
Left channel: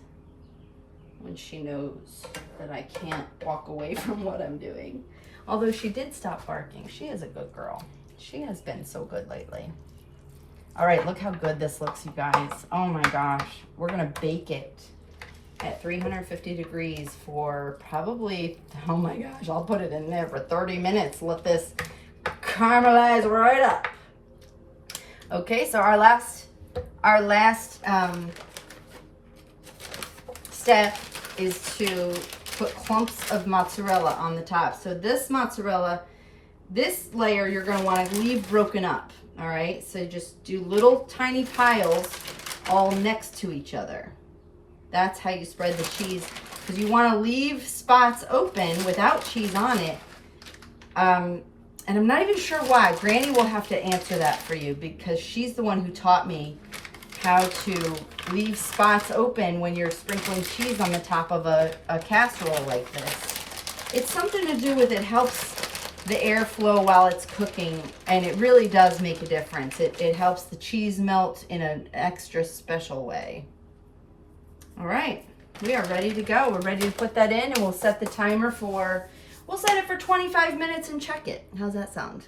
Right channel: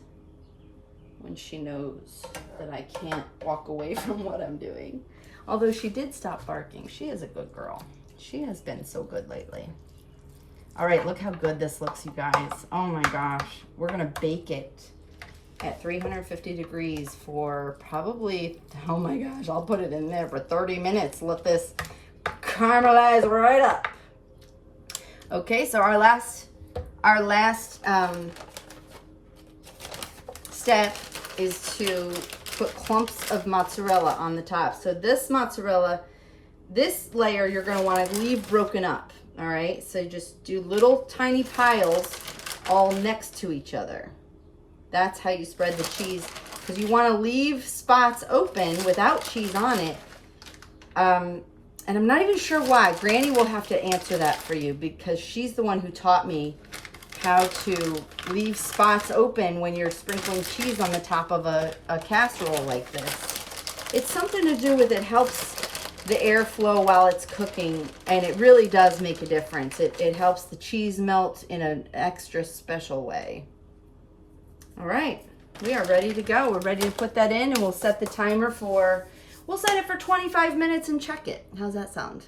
when she knows that I can't walk away from what I'm doing. Although she did stop barking. She is a good girl. She has been so good lately. All right, look how good this looks, you guys. Oh my gosh. We're gonna bake it at 350 degrees for probably, oh my gosh, I'll put it in there for 30 minutes. Let this caramelize right up. Okay, so our last step is to put clumps of mozzarella on the top. So this mozzarella, this layer you're gonna wanna leave broken up, all right? So just do little tiny piles all next to each other. That's how you spread the cheese, because you wanna leave spots open without cheese on it. And I'm not even sure why. Granny will have to answer that for you, because she's the one who taught me how to leave spots open when you're sprinkling cheese on the top of a casserole like this. It's something to do with, it helps the airflow while it's cooking, and it really does make a difference. It helps the cheese melt in an extra special way. All right, we are ready to go. We're ready to put that in, and we'll set the timer for, we'll set it for 25 minutes and check it. How's that sound?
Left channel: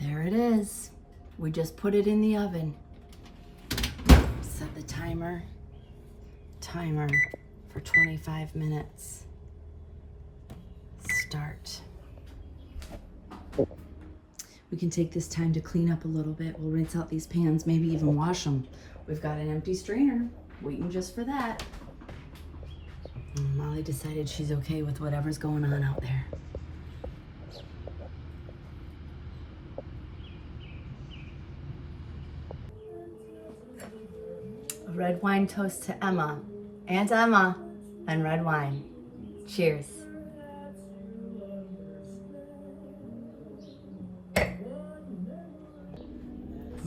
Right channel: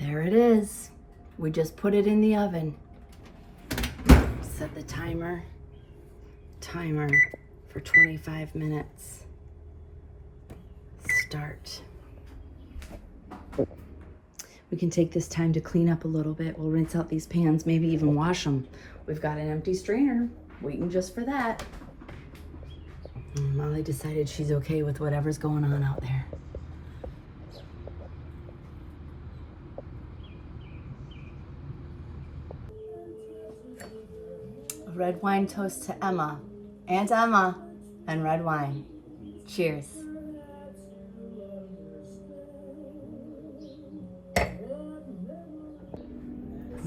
There it is. We just put it in the oven. Set the timer for 25 minutes. Start. We can take this time to clean up a little bit. We'll rinse out these pans, maybe even wash them. We've got an empty strainer waiting just for that. And Molly decided she's okay with whatever's going on out there. A red wine toast to Emma, Aunt Emma, and red wine. Cheers.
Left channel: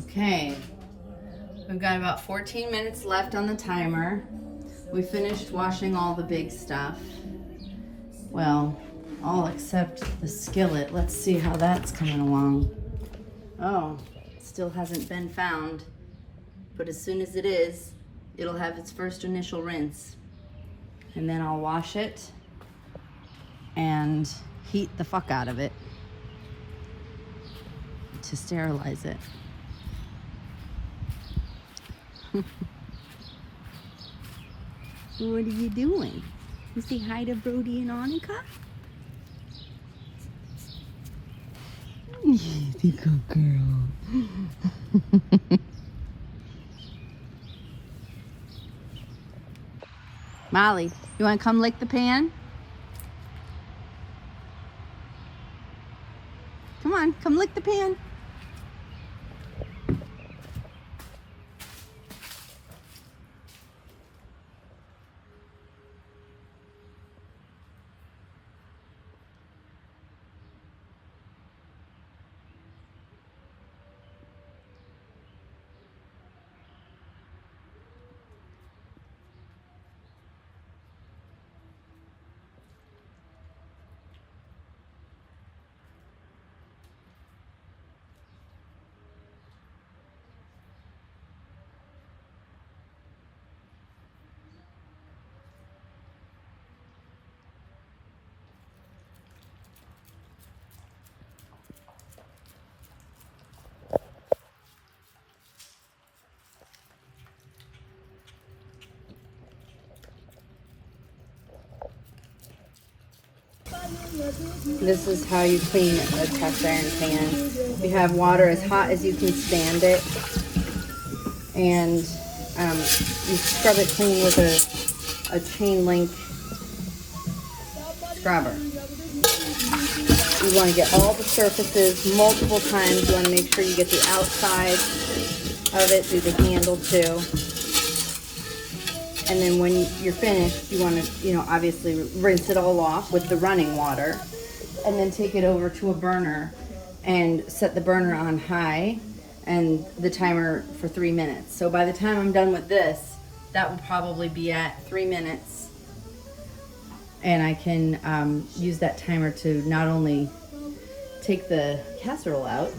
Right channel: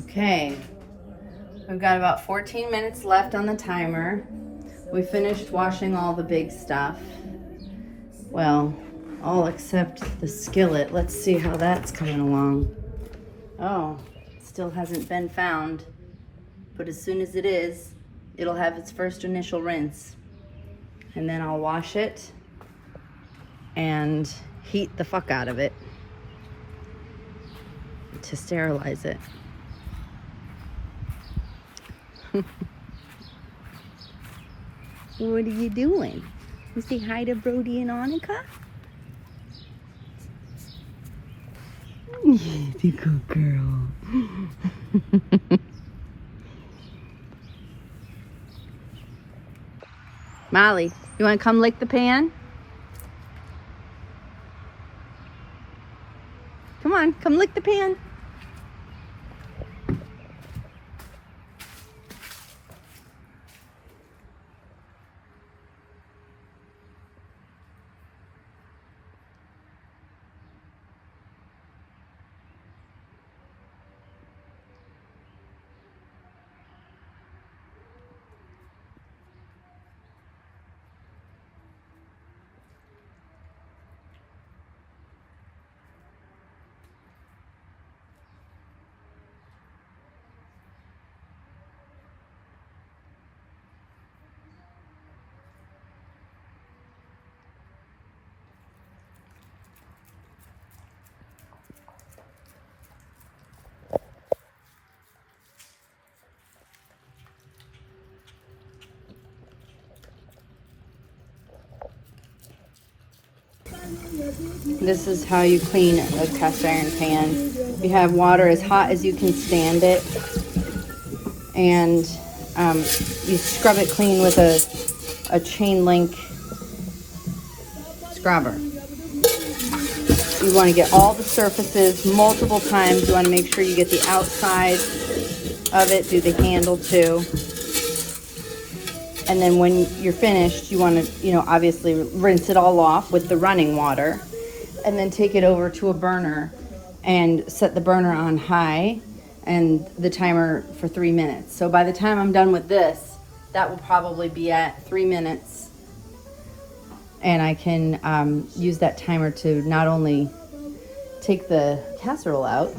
Okay, we've got about 14 minutes left on the timer. We finished washing all the big stuff. Well, all except the skillet. Let's see how that's coming along. Oh, still hasn't been found. But as soon as it is, it'll have its first initial rinse. And then I'll wash it and heat the fuck out of it to sterilize it. What are you doing? You say hi to Brody and Annika? The good girl. Molly, you want to come lick the pan? Come on, come lick the pan. This is how you clean a cast iron pan. You have water as hot as you can stand it, and you scrub it clean with a chain link scrubber. You want to get all the surfaces multiple times. You want to make sure you get the outside of it, do the handle too. And then when you're finished, you want to, obviously rinse it all off with the running water, and then take it over to a burner and set the burner on high and the timer for 3 minutes. So by the time I'm done with this, that will probably be at 3 minutes. And I can use that timer to not only take the casserole out,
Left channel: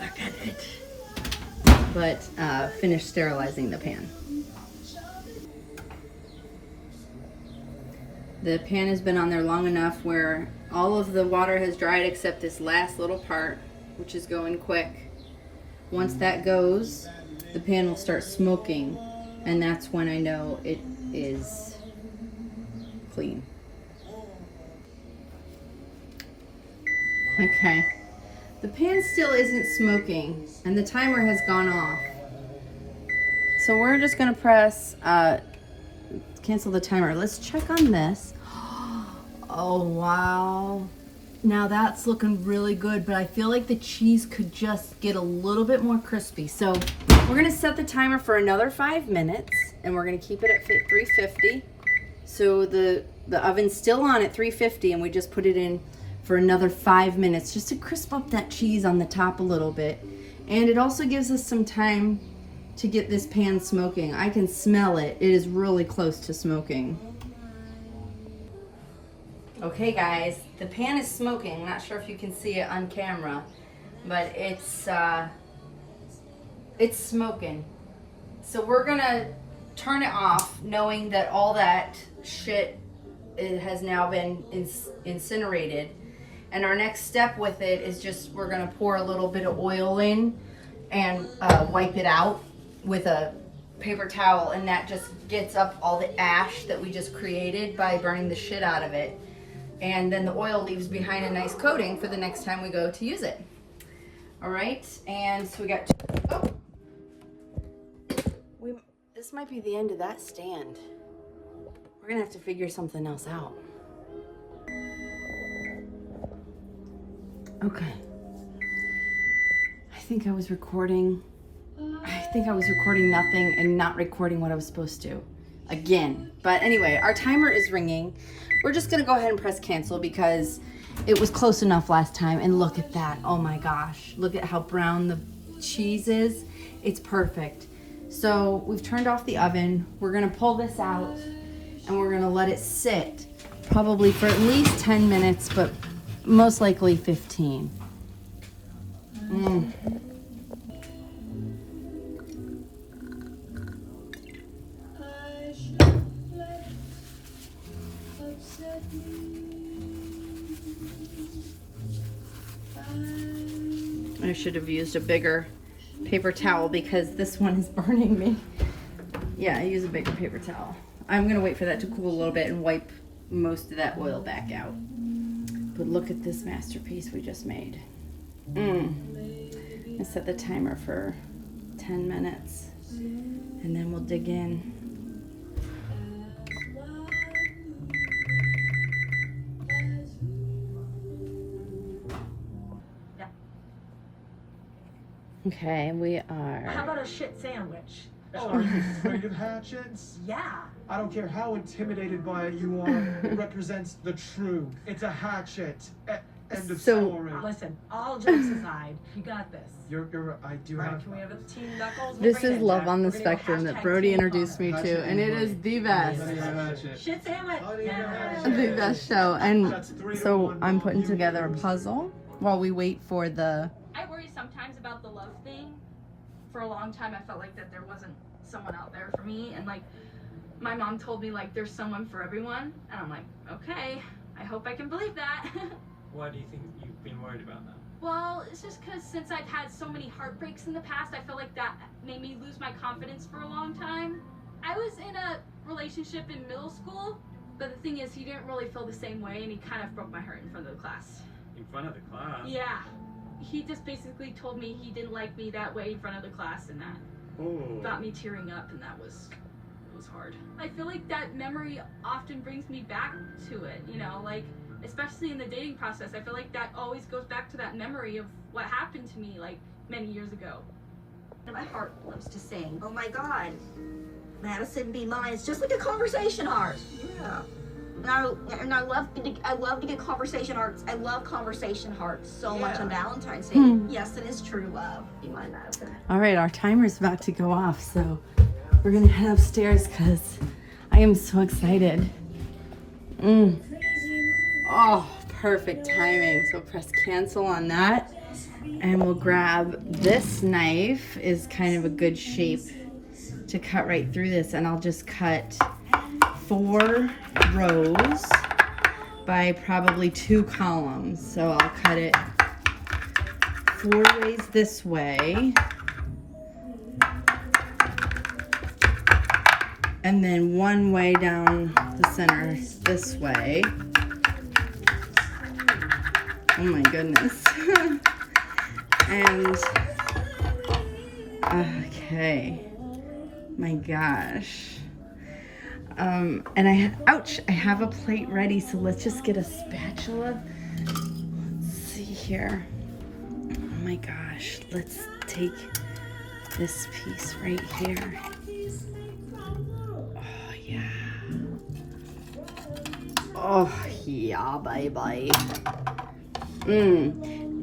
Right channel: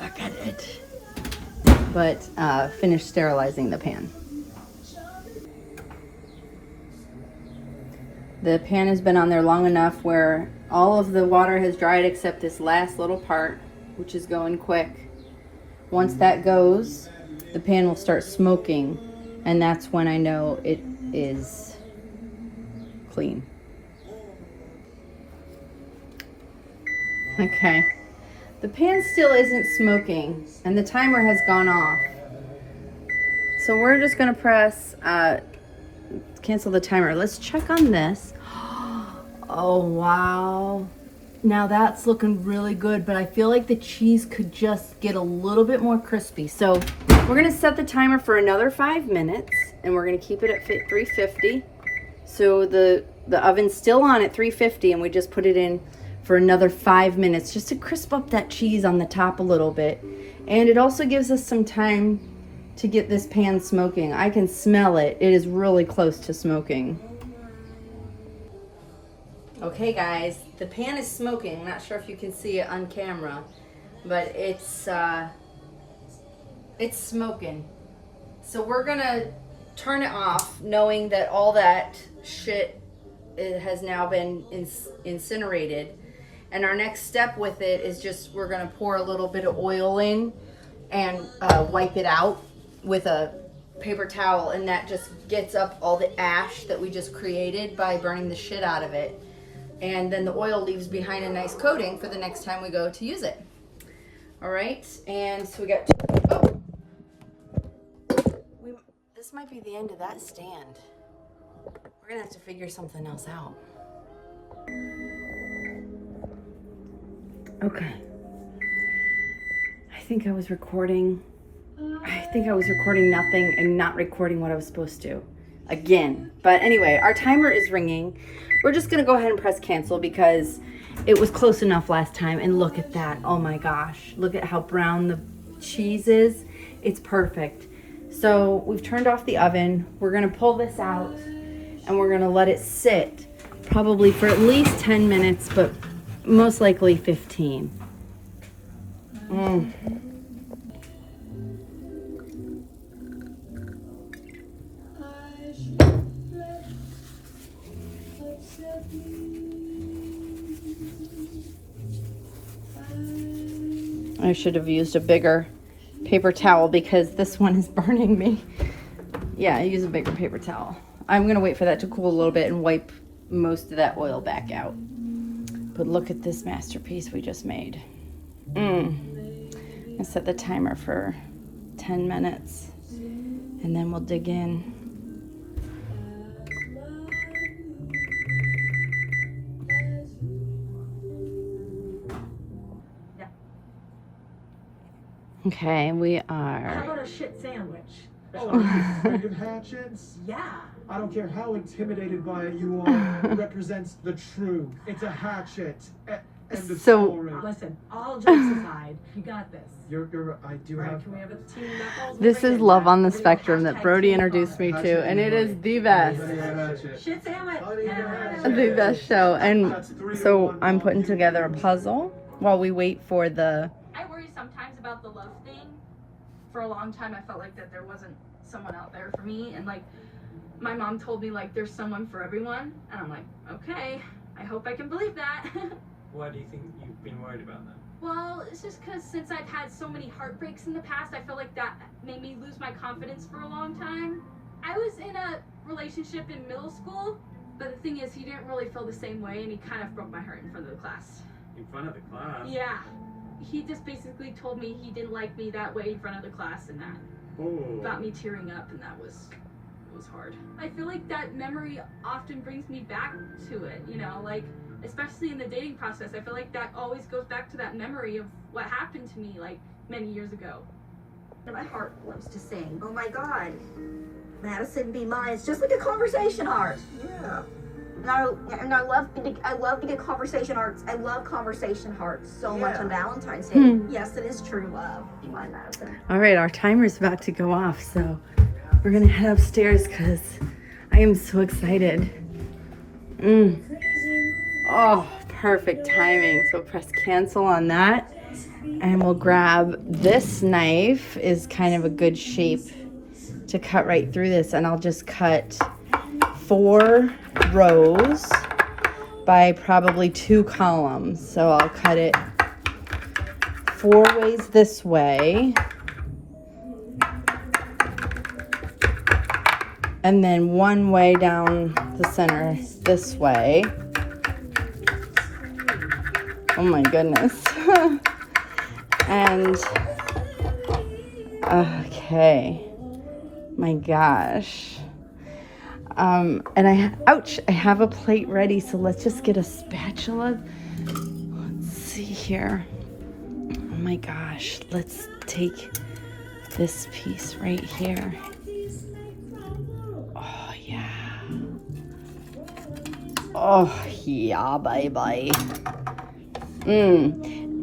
look at it, but finish sterilizing the pan. The pan has been on there long enough where all of the water has dried except this last little part, which is going quick. Once that goes, the pan will start smoking, and that's when I know it is clean. Okay, the pan still isn't smoking, and the timer has gone off. So we're just gonna press cancel the timer. Let's check on this. Oh, wow. Now that's looking really good, but I feel like the cheese could just get a little bit more crispy. So we're gonna set the timer for another 5 minutes, and we're gonna keep it at 350. So the oven's still on at 350, and we just put it in for another 5 minutes just to crisp up that cheese on the top a little bit. And it also gives us some time to get this pan smoking. I can smell it. It is really close to smoking. Okay guys, the pan is smoking. I'm not sure if you can see it on camera, but it's smoking. So we're gonna turn it off, knowing that all that shit has now been incinerated. And our next step with it is just, we're gonna pour a little bit of oil in and wipe it out with a paper towel, and that just gets up all the ash that we just created by burning the shit out of it. And then the oil leaves behind a nice coating for the next time we go to use it. All right, and so we got, this might be the end of that stand. We're gonna have to figure something else out. Okay. I think I was recording nothing and not recording what I was supposed to again. But anyway, our timer is ringing. We're just gonna go ahead and press cancel because it was close enough last time. And look at that, oh my gosh. Look at how brown the cheese is. It's perfect. So we've turned off the oven. We're gonna pull this out and we're gonna let it sit probably for at least 10 minutes, but most likely 15. Mm. I should have used a bigger paper towel because this one is burning me. Yeah, I use a bigger paper towel. I'm gonna wait for that to cool a little bit and wipe most of that oil back out. But look at this masterpiece we just made. I set the timer for 10 minutes and then we'll dig in. Okay, we are. How about a shit sandwich? Oh, are you afraid of hatchets? Yeah. I don't care how intimidated by it you are. It represents the truth. It's a hatchet. End of story. Listen, all jokes aside, you got this. I do Right, have. can we have a team knuckles? This is Love on the Spectrum that Brody introduced me to, and it is the best. Shit sandwich. The best show. And so I'm putting together a puzzle while we wait for the. I worry sometimes about the love thing. For a long time, I felt like that there wasn't someone out there for me, and like my mom told me like there's someone for everyone, and I'm like, okay, I hope I can believe that. Why do you think you've been worried about that? Well, it's just because since I've had so many heartbreaks in the past, I feel like that made me lose my confidence for a long time. I was in a relationship in middle school, but the thing is, he didn't really feel the same way, and he kind of broke my heart in front of the class. In front of the class? Yeah. He just basically told me he didn't like me that way in front of the class, and that got me tearing up, and it was hard. I feel like that memory often brings me back to it, you know, like especially in the dating process. I feel like that always goes back to that memory of what happened to me like many years ago. My heart loves to sing. Oh my God. Madison Be Mine. It's just like a conversation art. Yeah. And I love to get conversation arts. I love conversation hearts so much on Valentine's Day. Yes, it is true love. Be mine, Madison. All right, our timer's about to go off, so we're gonna head upstairs because I am so excited. Oh, perfect timing. So press cancel on that, and we'll grab this knife. Is kind of a good shape to cut right through this, and I'll just cut 4 rows by probably 2 columns. So I'll cut it 4 ways this way, and then 1 way down the center this way. Oh my goodness. And okay, my gosh. And I have a plate ready, so let's just get a spatula. Let's see here. Oh my gosh, let's take this piece right here. Oh yeah. Oh yeah, bye.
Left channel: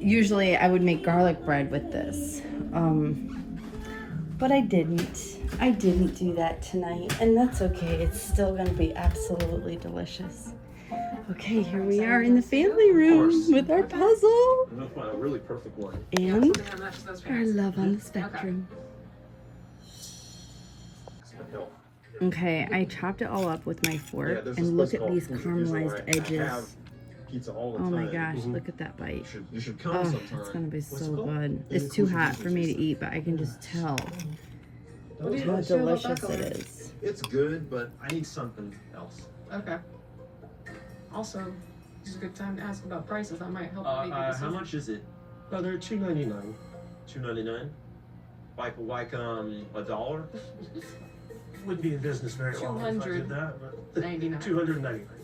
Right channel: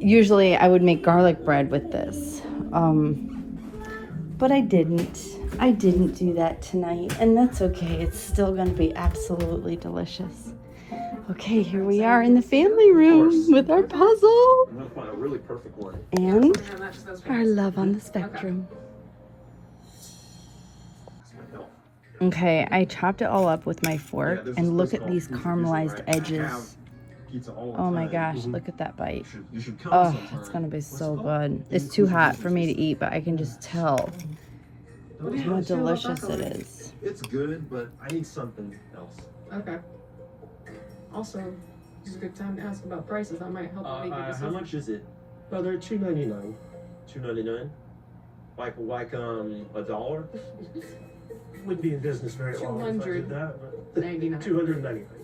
Usually I would make garlic bread with this, but I didn't. I didn't do that tonight, and that's okay. It's still gonna be absolutely delicious. Okay, here we are in the family room with our puzzle I'm gonna find a really perfect one. and our Love on the Spectrum. Okay, I chopped it all up with my fork, and look at these caramelized edges. Oh my gosh, look at that bite. Oh, it's gonna be so good. It's too hot for me to eat, but I can just tell how delicious it is. It's good, but I need something else. Okay. Also, this is a good time to ask about prices. That might help make a How decision. much is it? Oh, they're $2.99. $2.99? Like $1? Wouldn't be in business very long if I did that. But 299. $299.